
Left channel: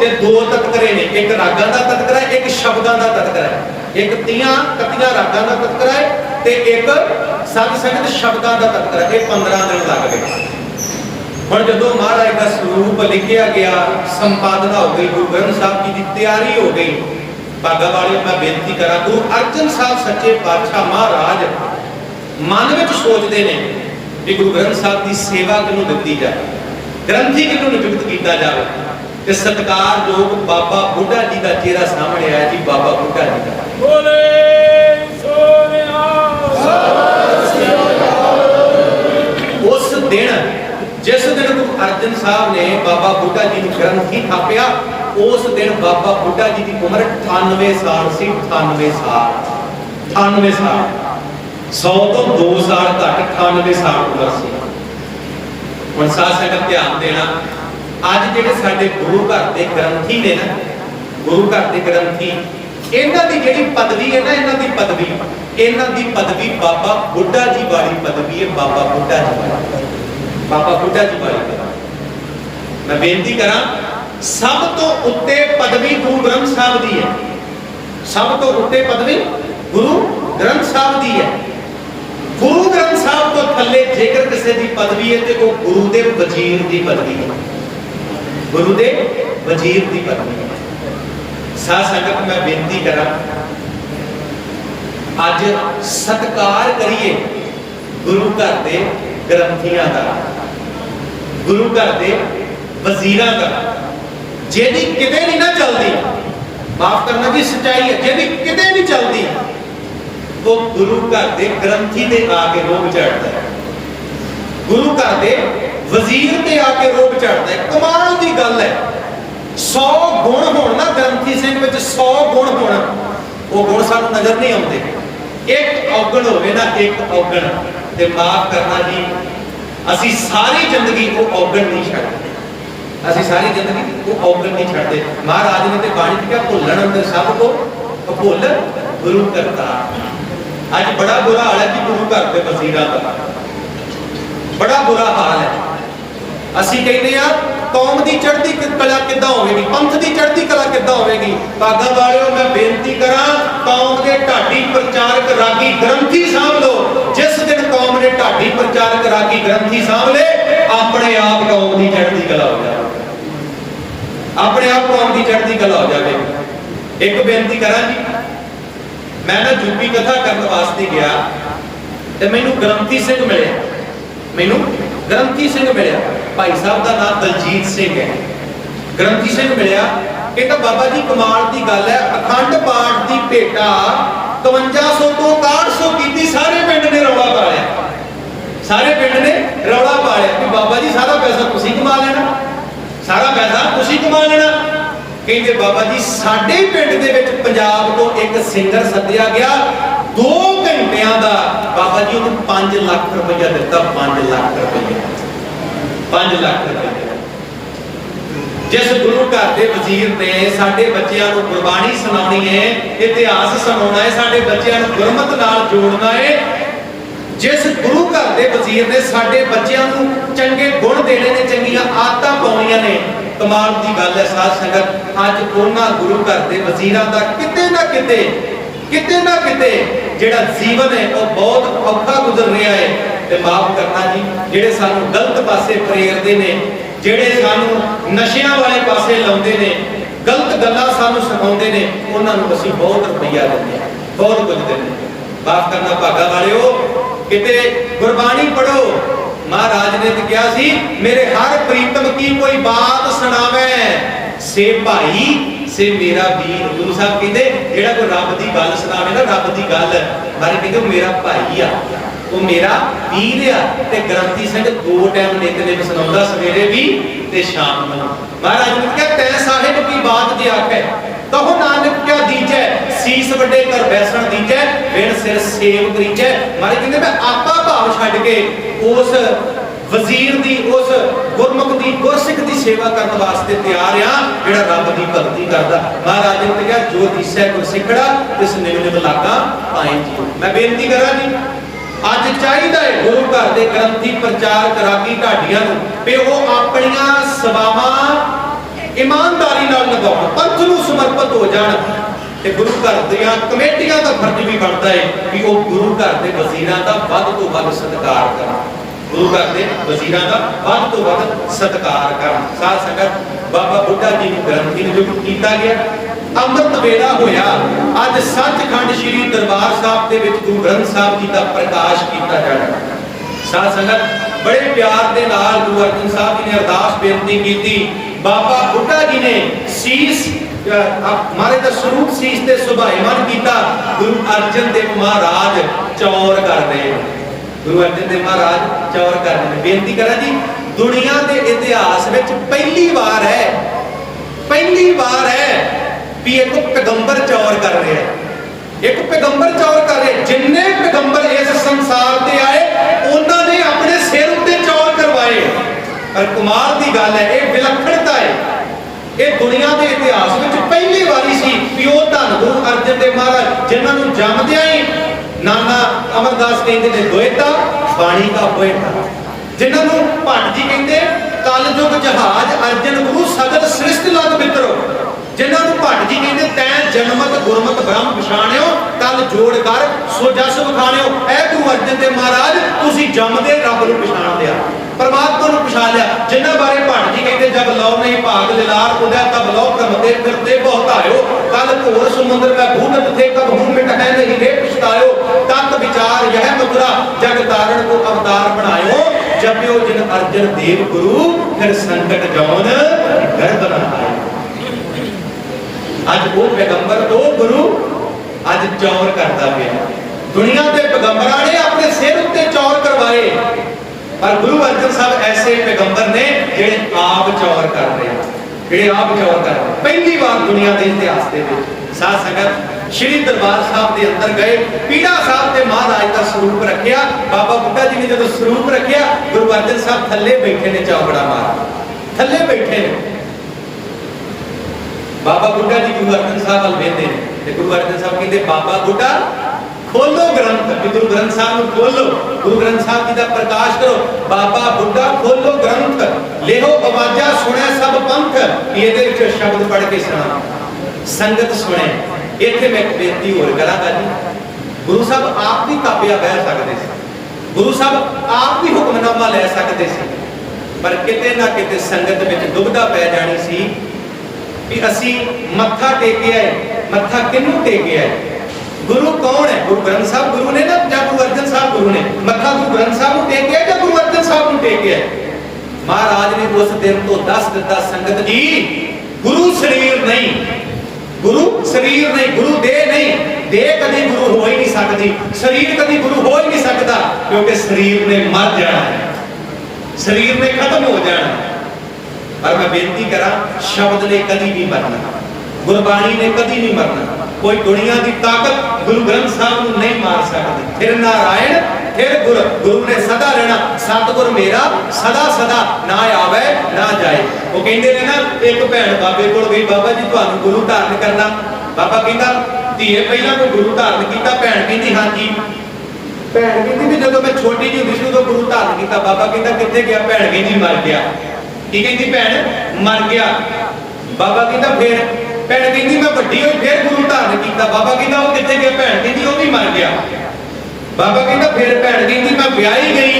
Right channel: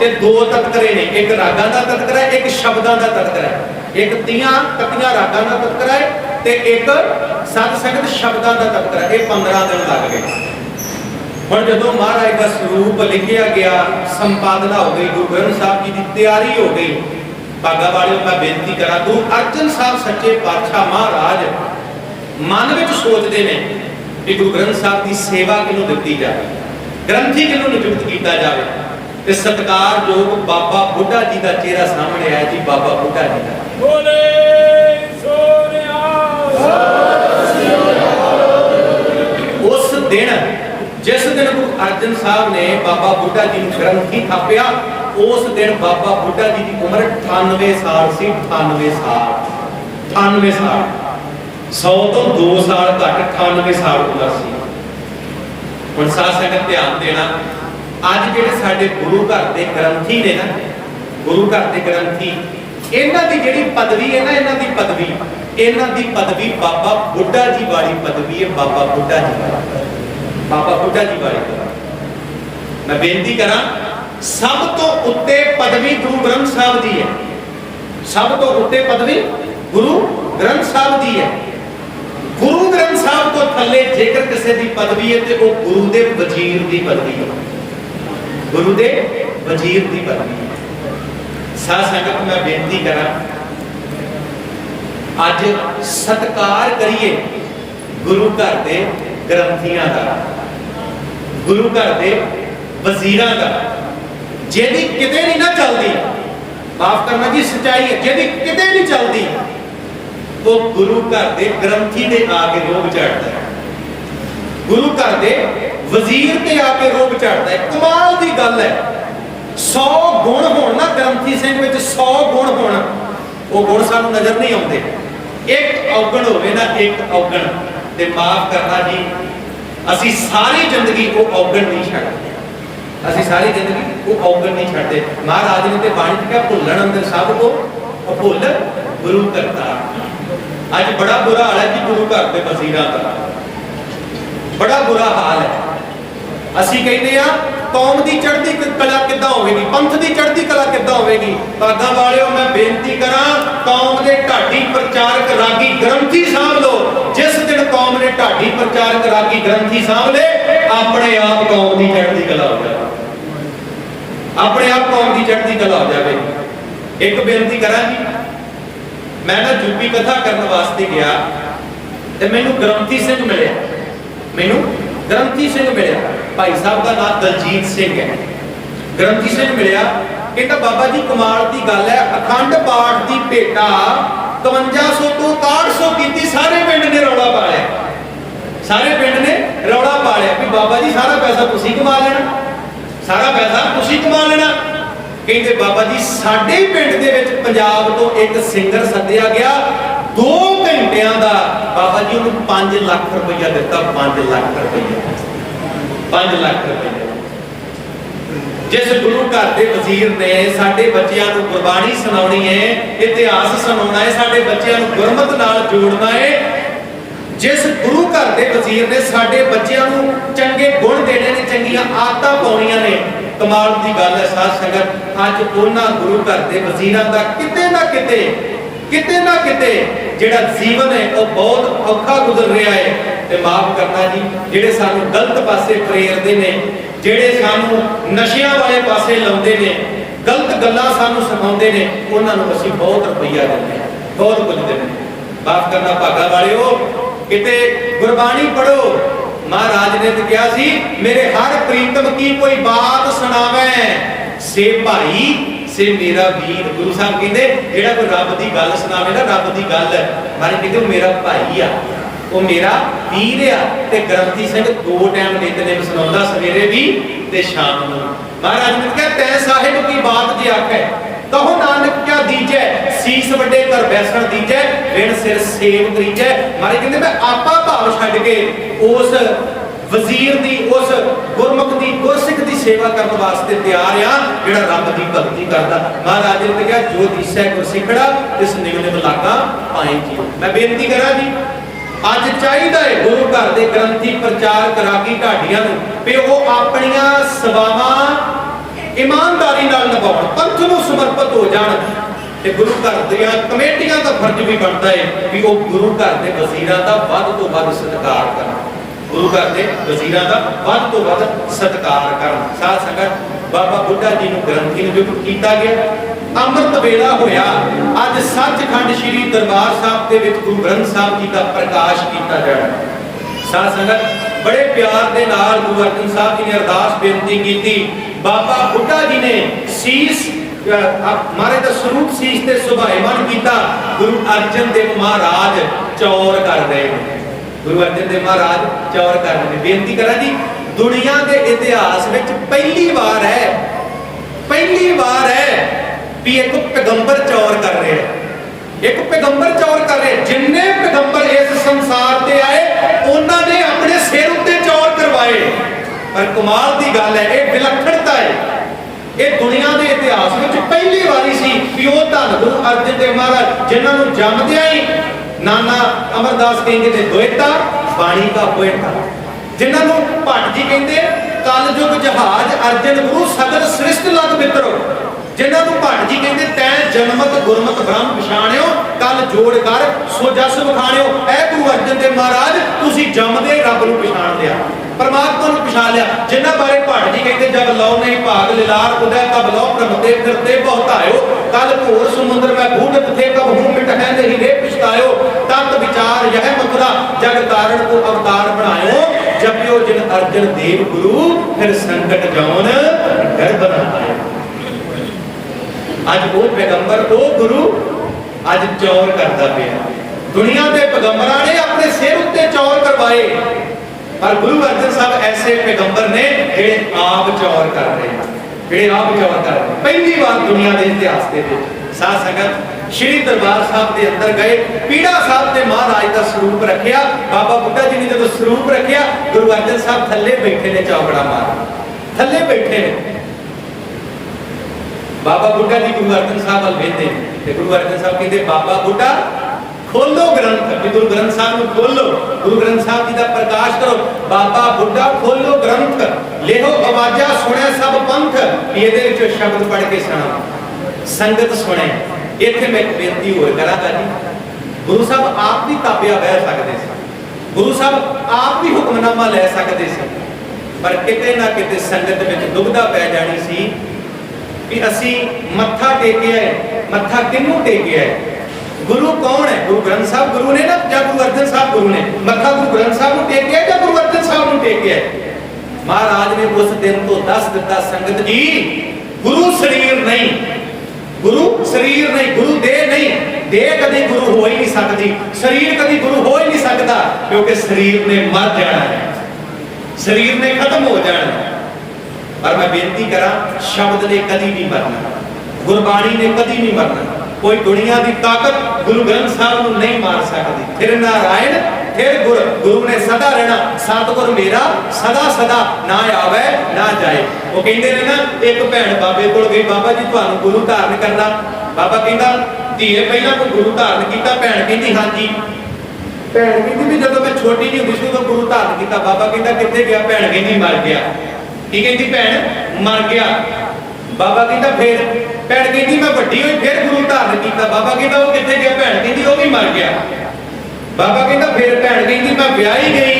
ਤੇ 2 ਤਤਕਰੇ ਨੇ, ਇੱਕ ਰਾਗਾਂ ਦਾ ਤਤਕਰਾ ਹੈ, ਇੱਕ ਸ਼ਬਦਾਂ ਦਾ ਤਤਕਰਾ ਹੈ। ਇੱਕ 30 ਰਾਗਾਂ ਦਾ ਤਤਕਰਾ ਹੈ ਤੇ ਇੱਕ ਸਾਧ ਸੰਗਤ ਸ਼ਬਦਾਂ ਦਾ ਤਤਕਰਾ। ਇਹ 15 ਦਿਨ ਲੱਗ ਗਏ। ਹੁਣ ਜਦੋਂ ਮਹਾਰਾਜ ਦਾ ਸਰੂਪ ਲਿਖਿਆ ਗਿਆ, ਸੰਪਾਦਨਾ ਹੋ ਗਈ, ਗੁਰੂ ਗ੍ਰੰਥ ਸਾਹਿਬ ਜੀ ਦੀ ਤਿਆਰੀ ਹੋ ਗਈ। ਭਾਗਾ ਵਾਲਿਓ ਮੈਂ ਬੇਨਤੀ ਕਰਾਂ, ਗੁਰੂ ਅਰਜਨ ਸਾਹਿਬ ਸੱਚੇ ਪਾਤਸ਼ਾਹ ਮਹਾਰਾਜ ਮਨ ਵਿੱਚ ਸੋਚਦੇ ਨੇ ਕਿ ਗੁਰੂ ਗ੍ਰੰਥ ਸਾਹਿਬ ਦੀ ਸੇਵਾ ਕਿਹਨੂੰ ਦਿੱਤੀ ਜਾਵੇ, ਗ੍ਰੰਥੀ ਕਿਹਨੂੰ ਨਿਯੁਕਤ ਕੀਤਾ ਜਾਵੇ। ਤੇ ਸਤਿਕਾਰਯੋਗ ਬਾਬਾ ਬੁੱਢਾ ਜੀ ਦਾ ਚਿਹਰਾ ਸਾਹਮਣੇ ਆਇਆ ਜੀ, ਬਾਬਾ ਬੁੱਢਾ ਜੀ ਦਾ। ਬੋਲੇ ਸੋਨਿਆ। ਉਸ ਦਿਨ जिस दिन गुरु अर्जन साहब ने बाबा बुढ़ा जी ਨੂੰ ਗ੍ਰੰਥੀ ਥਾਪਿਆ, ਉਸ ਦਿਨ ਬਾਬਾ ਬੁੱਢਾ ਜੀ ਦੀ ਉਮਰ 98 ਸਾਲ ਸੀ। 98 ਸਾਲ 98 ਸਾਲ 100 ਤੋਂ 2 ਸਾਲ ਘੱਟ 98 ਸਾਲ ਉਮਰ ਸੀ। ਹੁਣ ਸਾਧ ਸੰਗਤ ਧਿਆਨ ਦੇਣਾ, ਅੱਜ ਜਿਹੜੇ ਸਾਡੇ ਗੁਰੂ ਘਰ ਦੇ ਗ੍ਰੰਥੀ ਨੇ ਨਾ, ਗੁਰੂ ਘਰ ਦੇ ਗ੍ਰੰਥੀ, ਇਹਨਾਂ ਦੀ ਜਿਹੜੀ ਪਦਵੀ ਹੈ ਨਾ, ਇਹਨਾਂ ਦੀ ਪਦਵੀ ਬਾਬਾ ਬੁੱਢਾ ਜੀ ਵਾਲੀ ਪਦਵੀ ਹੈ। ਬਾਬਾ ਬੁੱਢਾ ਜੀ ਵਾਲੀ, ਬਾਬਾ ਬੁੱਢਾ ਜੀ ਵਾਲੀ ਪਦਵੀ। ਮੈਂ ਬੇਨਤੀ ਕਰਾਂ, ਸਭ ਤੋਂ ਉੱਤੇ ਪਦਵੀ ਗੁਰੂ ਗ੍ਰੰਥ ਸਾਹਿਬ ਦੀ ਹੈ। ਸਭ ਤੋਂ ਉੱਤੇ ਪਦਵੀ ਗੁਰੂ ਗ੍ਰੰਥ ਸਾਹਿਬ ਦੀ ਹੈ। ਗੁਰੂ ਗ੍ਰੰਥ ਸਾਹਿਬ ਤੋਂ ਥੱਲੇ ਜੇਕਰ ਕਿਸੇ ਦੀ ਪਦਵੀ ਹੈ ਤੇ ਉਹ ਗੁਰੂ ਦੇ ਵਜ਼ੀਰ ਦੀ ਪਦਵੀ ਹੈ। ਗੁਰੂ ਦੇ ਵਜ਼ੀਰ ਦੀ ਪਦਵੀ ਹੈ। ਸਾਧ ਸੰਗਤ, ਮੈਂ ਬੇਨਤੀ ਕਰਾਂ, ਅੱਜ ਸਤਿਕਾਰ ਕਰੀਏ ਗੁਰੂ ਘਰ ਦੇ ਗ੍ਰੰਥੀਆਂ ਦਾ, ਗੁਰੂ ਘਰ ਦੇ ਵਜ਼ੀਰਾਂ ਦਾ, ਜਿਹਦੀ ਕਿਤੇ ਨਹੀਂ ਨਾ ਚੱਲਦੀ, ਮਾਫ ਕਰਨਾ ਜੀ, ਸੱਚਾਈ ਹੈ, ਜਿਹਦੀ ਕਿਤੇ ਨਹੀਂ ਚੱਲਦੀ, ਉਹ ਗੁਰੂ ਘਰ ਦੇ ਗ੍ਰੰਥੀ ਦੇ ਆ ਕੇ ਰੋਬ ਝਾੜਦਾ ਹੈ। ਗੁਰੂ ਘਰ ਦੇ ਵਜ਼ੀਰ ਤੇ ਆ ਕੇ ਰੋਬ ਝਾੜਦਾ ਹੈ। ਕਮਾਲ ਦੀ ਗੱਲ ਹੈ। 100 ਗੁਣ ਹੋਣ ਨਾ ਗ੍ਰੰਥੀ ਸਿੰਘ ਵਿੱਚ, 100 ਗੁਣ ਹੋਣ, ਉਹ ਗੁਣ ਸਾਨੂੰ ਨਜ਼ਰ ਨਹੀਂ ਆਉਂਦੇ। ਇੱਕ ਔਗਣ ਹੋਵੇ ਨਾ, ਇੱਕ ਔਗਣ, ਤੇ ਮਾਫ ਕਰਨਾ ਜੀ, ਅਸੀਂ ਸਾਰੀ ਜ਼ਿੰਦਗੀ ਉਹ ਔਗਣ ਨਹੀਂ ਛੱਡਦੇ। ਅਸੀਂ ਸਾਰੀ ਜ਼ਿੰਦਗੀ ਉਹ ਔਗਣ ਨਹੀਂ ਛੱਡਦੇ। ਮਹਾਰਾਜ ਨੇ ਤੇ ਬਾਣੀ ਚ ਕਿਹਾ, ਭੁੱਲਣ ਅੰਦਰ ਸਭ ਕੋ ਅਭੁੱਲ ਗੁਰੂ ਕਰਤਾਰ। ਅੱਜ ਬੜਾ ਬੁਰਾ ਹਾਲ ਹੈ ਜੀ ਗੁਰੂ ਘਰ ਦੇ ਵਜ਼ੀਰਾਂ ਦਾ, ਬੜਾ ਬੁਰਾ ਹਾਲ ਹੈ। ਅਸੀਂ ਕਹਿੰਦੇ ਆ ਕੌਮ ਦੀ ਚੜ੍ਹਦੀ ਕਲਾ ਕਿੱਦਾਂ ਹੋਵੇਗੀ, ਪੰਥ ਦੀ ਚੜ੍ਹਦੀ ਕਲਾ ਕਿੱਦਾਂ ਹੋਵੇਗੀ। ਭਾਗਾਂ ਵਾਲਿਓ, ਮੈਂ ਬੇਨਤੀ ਕਰਾਂ, ਕੌਮ ਦੇ ਢਾਡੀ ਪ੍ਰਚਾਰਕ ਰਾਗੀ ਗ੍ਰੰਥੀ ਸਾਂਭ ਲਓ। ਜਿਸ ਦਿਨ ਕੌਮ ਨੇ ਢਾਡੀ ਪ੍ਰਚਾਰਕ ਰਾਗੀ ਗ੍ਰੰਥੀ ਸਾਂਭ ਲੇ, ਆਪਣੇ ਆਪ ਕੌਮ ਦੀ ਚੜ੍ਹਦੀ ਕਲਾ ਹੋ ਜਾਵੇ, ਆਪਣੇ ਆਪ ਕੌਮ ਦੀ ਚੜ੍ਹਦੀ ਕਲਾ ਹੋ ਜਾਵੇ। ਇੱਕ ਬੇਨਤੀ ਕਰਾਂ ਜੀ, ਮੈਂ ਨਾ ਯੂਪੀ ਕਥਾ ਕਰਨ ਵਾਸਤੇ ਗਿਆ ਤੇ ਮੈਨੂੰ ਗ੍ਰੰਥੀ ਸਿੰਘ ਮਿਲਿਆ, ਮੈਨੂੰ ਗ੍ਰੰਥੀ ਸਿੰਘ ਮਿਲਿਆ। ਭਾਈ ਸਾਹਿਬ ਦਾ ਨਾਮ ਦਲਜੀਤ ਸਿੰਘ ਹੈ। ਗ੍ਰੰਥੀ ਸਿੰਘ ਮਿਲਿਆ, ਕਹਿੰਦਾ ਬਾਬਾ ਜੀ ਕਮਾਲ ਦੀ ਗੱਲ ਹੈ, ਅਖੰਡ ਪਾਠ ਦੀ ਭੇਟਾ 5500 ਤੋਂ 6100 ਕੀਤੀ, ਸਾਰੇ ਪਿੰਡ ਨੇ ਰੌਲਾ ਪਾ ਲਿਆ, ਸਾਰੇ ਪਿੰਡ ਨੇ ਰੌਲਾ ਪਾ ਲਿਆ ਵੀ ਬਾਬਾ ਜੀ ਸਾਰਾ ਪੈਸਾ ਤੁਸੀਂ ਕਮਾ ਲੈਣਾ, ਸਾਰਾ ਪੈਸਾ ਤੁਸੀਂ ਕਮਾ ਲੈਣਾ। ਕਹਿੰਦੇ ਬਾਬਾ ਜੀ ਸਾਡੇ ਪਿੰਡ ਦੇ ਵਿੱਚ ਪੰਜਾਬ ਤੋਂ ਇੱਕ ਸਿੰਗਰ ਸੱਦਿਆ ਗਿਆ, 2 ਘੰਟਿਆਂ ਦਾ, ਬਾਬਾ ਜੀ ਉਹਨੂੰ 5 ਲੱਖ ਰੁਪਇਆ ਦਿੱਤਾ। 5 ਲੱਖ ਰੁਪਇਆ, 5 ਲੱਖ ਰੁਪਇਆ। ਜਿਸ ਗੁਰੂ ਘਰ ਦੇ ਵਜ਼ੀਰ ਨੇ ਸਾਡੇ ਬੱਚਿਆਂ ਨੂੰ ਗੁਰਬਾਣੀ ਸੁਣਾਉਣੀ ਹੈ, ਇਤਿਹਾਸ ਸੁਣਾਉਣਾ ਹੈ, ਸਾਡੇ ਬੱਚਿਆਂ ਨੂੰ ਗੁਰਮਤ ਨਾਲ ਜੋੜਨਾ ਹੈ, ਜਿਸ ਗੁਰੂ ਘਰ ਦੇ ਵਜ਼ੀਰ ਨੇ ਸਾਡੇ ਬੱਚਿਆਂ ਨੂੰ ਚੰਗੇ ਗੁਣ ਦੇਣੇ ਨੇ, ਚੰਗੀਆਂ ਆਦਤਾਂ ਪਾਉਣੀਆਂ ਨੇ, ਕਮਾਲ ਦੀ ਗੱਲ ਹੈ ਸਾਧ ਸੰਗਤ। ਅੱਜ ਉਹਨਾਂ ਗੁਰੂ ਘਰ ਦੇ ਵਜ਼ੀਰਾਂ ਦਾ ਕਿਤੇ ਨਾ ਕਿਤੇ ਜਿਹੜਾ ਜੀਵਨ ਹੈ ਉਹ ਬਹੁਤ ਔਖਾ ਗੁਜ਼ਰ ਰਿਹਾ ਹੈ। ਤੇ ਮਾਫ ਕਰਨਾ ਜੀ, ਜਿਹੜੇ ਸਾਨੂੰ ਗਲਤ ਪਾਸੇ ਪ੍ਰੇਰਦੇ ਨੇ, ਜਿਹੜੇ ਸਾਨੂੰ ਨਸ਼ਿਆਂ ਵਾਲੇ ਪਾਸੇ ਲਾਉਂਦੇ ਨੇ, ਗਲਤ ਗੱਲਾਂ ਸਾਨੂੰ ਸਿਖਾਉਂਦੇ ਨੇ, ਉਹਨਾਂ ਨੂੰ ਅਸੀਂ ਬਹੁਤ ਰੁਪਈਆ ਦਿੰਦੇ ਹਾਂ, ਬਹੁਤ ਕੁਝ ਦਿੰਦੇ ਹਾਂ। ਮਾਫ ਕਰਨਾ ਭਾਗਾ ਵਾਲਿਓ, ਕਿਤੇ ਗੁਰਬਾਣੀ ਪੜੋ। ਮਹਾਰਾਜ ਨੇ ਤਾਂ ਕਿਹਾ ਸੀ, ਮੇਰੇ ਹਰ ਪ੍ਰੀਤਮ ਕੀ ਕੋਈ ਬਾਤ ਸੁਣਾਵੇ, ਸੇ ਭਾਈ ਸੇ ਮੇਰਾ ਵੀਰ। ਗੁਰੂ ਸਾਹਿਬ ਕਹਿੰਦੇ ਜਿਹੜਾ ਕੋਈ ਰੱਬ ਦੀ ਗੱਲ ਸੁਣਾਵੇ ਨਾ, ਰੱਬ ਦੀ ਗੱਲ, ਮਾਰੇ ਕਹਿੰਦੇ ਉਹ ਮੇਰਾ ਭਾਈ ਆ, ਉਹ ਮੇਰਾ ਵੀਰ ਆ। ਤੇ ਗ੍ਰੰਥੀ ਸਿੰਘ 2 ਟਾਈਮ ਨਿਤਨੇਮ ਸੁਣਾਉਂਦਾ, ਸਵੇਰੇ ਵੀ ਤੇ ਸ਼ਾਮ ਨੂੰ। ਮਹਾਰਾਜ ਨੇ ਕਿਹਾ, ਤੈ ਸਾਹਿਬ ਕੀ ਬਾਤ ਜੇ ਆਖੇ, ਕਹੋ ਨਾਨਕ ਕਿਆ ਦੀਜੈ, ਸੀਸ ਵੱਡੇ ਕਰ ਬੈਸਣ ਦੀਜੈ, ਵਿਣ ਸਿਰ ਸੇਵ ਕਰੀਜੈ। ਮਾਰੇ ਕਹਿੰਦੇ ਮੈਂ ਆਪਾ ਭਾਵ ਛੱਡ ਕੇ ਉਸ ਵਜ਼ੀਰ ਦੀ, ਉਸ ਗੁਰਮੁਖ ਦੀ, ਗੁਰਸਿੱਖ ਦੀ ਸੇਵਾ ਕਰਨ ਵਾਸਤੇ ਤਿਆਰ ਆ, ਜਿਹੜਾ ਰੱਬ ਦੀ ਭਗਤੀ ਕਰਦਾ। ਮਹਾਰਾਜ ਨੇ ਕਿਹਾ, ਜੋ ਦੀਸੈ ਗੁਰਸਿੱਖੜਾ ਤਿਸ ਨਿਵ ਨਿਵ ਲਾਗਾ ਪਾਏ ਜੀਓ। ਮੈਂ ਬੇਨਤੀ ਕਰਾਂ ਜੀ, ਅੱਜ ਚਾਹੀਦਾ ਹੈ ਗੁਰੂ ਘਰ ਦੇ ਗ੍ਰੰਥੀ ਪ੍ਰਚਾਰਕ ਰਾਗੀ ਢਾਡੀਆਂ ਨੂੰ ਵੀ ਉਹ ਆਪਣੀਆਂ ਸੇਵਾਵਾਂ ਇਮਾਨਦਾਰੀ ਨਾਲ ਨਿਭਾਉਣ, ਪੰਥ ਨੂੰ ਸਮਰਪਿਤ ਹੋ ਜਾਣ। ਤੇ ਗੁਰੂ ਘਰ ਦੀਆਂ ਕਮੇਟੀਆਂ ਦਾ ਫਰਜ਼ ਵੀ ਬਣਦਾ ਹੈ ਵੀ ਉਹ ਗੁਰੂ ਘਰ ਦੇ ਵਜ਼ੀਰਾਂ ਦਾ ਵੱਧ ਤੋਂ ਵੱਧ ਸਤਿਕਾਰ ਕਰਨ, ਗੁਰੂ ਘਰ ਦੇ ਵਜ਼ੀਰਾਂ ਦਾ ਵੱਧ ਤੋਂ ਵੱਧ ਸਤਿਕਾਰ ਕਰਨ। ਸਾਧ ਸੰਗਤ, ਬਾਬਾ ਬੁੱਢਾ ਜੀ ਨੂੰ ਗ੍ਰੰਥੀ ਨਿਯੁਕਤ ਕੀਤਾ ਗਿਆ। ਅੰਮ੍ਰਿਤ ਵੇਲਾ ਹੋਇਆ, ਅੱਜ ਸੱਚਖੰਡ ਸ੍ਰੀ ਦਰਬਾਰ ਸਾਹਿਬ ਦੇ ਵਿੱਚ ਗੁਰੂ ਗ੍ਰੰਥ ਸਾਹਿਬ ਜੀ ਦਾ ਪ੍ਰਕਾਸ਼ ਕੀਤਾ ਜਾਣਾ। ਸਾਧ ਸੰਗਤ, ਬੜੇ ਪਿਆਰ ਦੇ ਨਾਲ ਗੁਰੂ ਅਰਜਨ ਸਾਹਿਬ ਜੀ ਨੇ ਅਰਦਾਸ ਬੇਨਤੀ ਕੀਤੀ। ਬਾਬਾ ਬੁੱਢਾ ਜੀ ਨੇ ਸੀਸ ਮਾਰੇ ਦਾ ਸਰੂਪ ਸੀਸ ਤੇ ਸੁਭਾਏਮਾਨ ਕੀਤਾ। ਗੁਰੂ ਅਰਜਨ ਦੇਵ ਮਹਾਰਾਜ ਚੌਰ ਕਰਦੇ, ਗੁਰੂ ਅਰਜਨ ਦੇਵ ਮਹਾਰਾਜ ਚੌਰ ਕਰਦੇ ਨੇ। ਬੇਨਤੀ ਕਰਾਂ ਜੀ, दुनिया के इतिहास में पहली बार है भी एक पैगंबर चौर कर रहा है, एक पैगंबर चौर कर रहे। जिन्ने पैगंबर इस संसार ते आए उन्होंने अपने सिर उत्ते चौर करवाए। पर कमाल की गल है, यह विलक्षणता है, ये दुनिया के इतिहास में पहली बारी सी भी वो धन गुरु अर्जन देव महाराज जिन्होंने जमदिया ही नाना अमरदास कहते ने दोएता बाणी का पोएटा, जिन्होंने भट्ट जी कहते कल युग जहाज अर्जन गुरु सगत सृष्ट लग मित्रो, जिन्होंने भट्ट जी कहते तै जनमत गुरमत ब्रह्म पछाणियो कल जोड़ कर सो जस विखाणियो। ऐ गुरु अर्जन देव महाराज तुसी जमदे रब नूं पछाण लिया, परमात्मा नूं पछाण लिया। जिन्हां बारे भट्ट जी कहते जब लौ नहीं भाग लिलार उदय तब लौ भ्रमते फिरते बहुतायो, कल घोर समुद्र में बूढ़त थे कब हूं मिट है नहीं रे पछतायो, तत् विचार यह मथुरा जग तारण को अवतार बनायो, जपियो जिन अर्जन देव गुरु फिर संकट जौन गर्भ न आए। अज वो पैगंबर वो गुरु अज चौर करता पे, दुनिया के पैगंबरां ने अपने सिर उत्ते चौर करवाए, पर गुरु अर्जन साहब ऐसे पैगंबर ने जेड़े आप चौर कर रहे हैं, जेड़े आप चौर कर रहे हैं। पहली बार दुनिया के इतिहास के साध संगत श्री दरबार साहब के अंदर गए, पीड़ा साहब के महाराज का स्वरूप रखिया, बाबा बुड्ढा जी ने जो स्वरूप रखिया, गुरु अर्जन साहब थले बैठे ने चौकड़ा मार थले बैठे ने। बाबा बुड्ढा जी गुरु अर्जन साहब वाल वेंदे ने, गुरु अर्जन साहब कहते बाबा बुड्ढा खोलो ग्रंथ, गुरु ग्रंथ साहब को खोलो, गुरु ग्रंथ साहब जी का प्रकाश करो। बाबा बुड्ढा खोलो ग्रंथ लेहो आवाजा सुने सब पंथ, ये शब्द पढ़ के सुना संगत सुने। इत्थे मैं एक बेनती होर करांगा जी, गुरु साहब आप भी ताबिया बह सकते थे, गुरु साहब आप भी हुक्मनामा लै सकते थे, पर किते ना किते संगत में दुविधा पै जानी सी कि असी मत्था टेके आए, मत्था किनू टेके आए, गुरु कौन है? गुरु ग्रंथ साहब गुरु ने ना या गुरु अर्जन साहब गुरु ने? मत्था गुरु ग्रंथ साहब को टेक आए या गुरु अर्जन साहब को टेक आए? महाराज ने उस दिन तो दस दिता संगत जी, गुरु शरीर नहीं, गुरु शरीर नहीं, गुरु देह नहीं, देह कभी गुरु हो ही नहीं सकती, शरीर कभी गुरु हो ही नहीं सकता, क्योंकि शरीर ने मर जाना है, शरीर ने खत्म हो जाना है। पर मैं बेनती करा, शब्द ने कभी नहीं मरना, गुरबाणी ने कभी नहीं मरना, कोई दुनिया की ताकत गुरु ग्रंथ साहब को नहीं मार सकती। फिर नारायण फिर गुरु, गुरु ने सदा रहना, सतगुर मेरा सदा सदा ना आवे ना जाए। वो कहते हैं ना, एक भैन बाबे को गई, बाबा जी तुहानू गुरु धारण करना, बाबा कहता धीए पहला कोई गुरु धारण किया? भैन कहती हाँ जी, भैन कहती भी जो मैं छोटी जी होंदी सी उदों गुरु धारण किया। बाबा कहता कित्थे गया? भैन कहती मर गया। की कहती? भैन मर गया। बाबा कहता फिर? भैन कहती मैं वड्डी हुई फिर गुरु धारण किया। बाबा कहता वो कित्थे गया? भैन कहती वो भी मर गया। बाबा कहता फिर? भैन कहती मैं ब्याही गई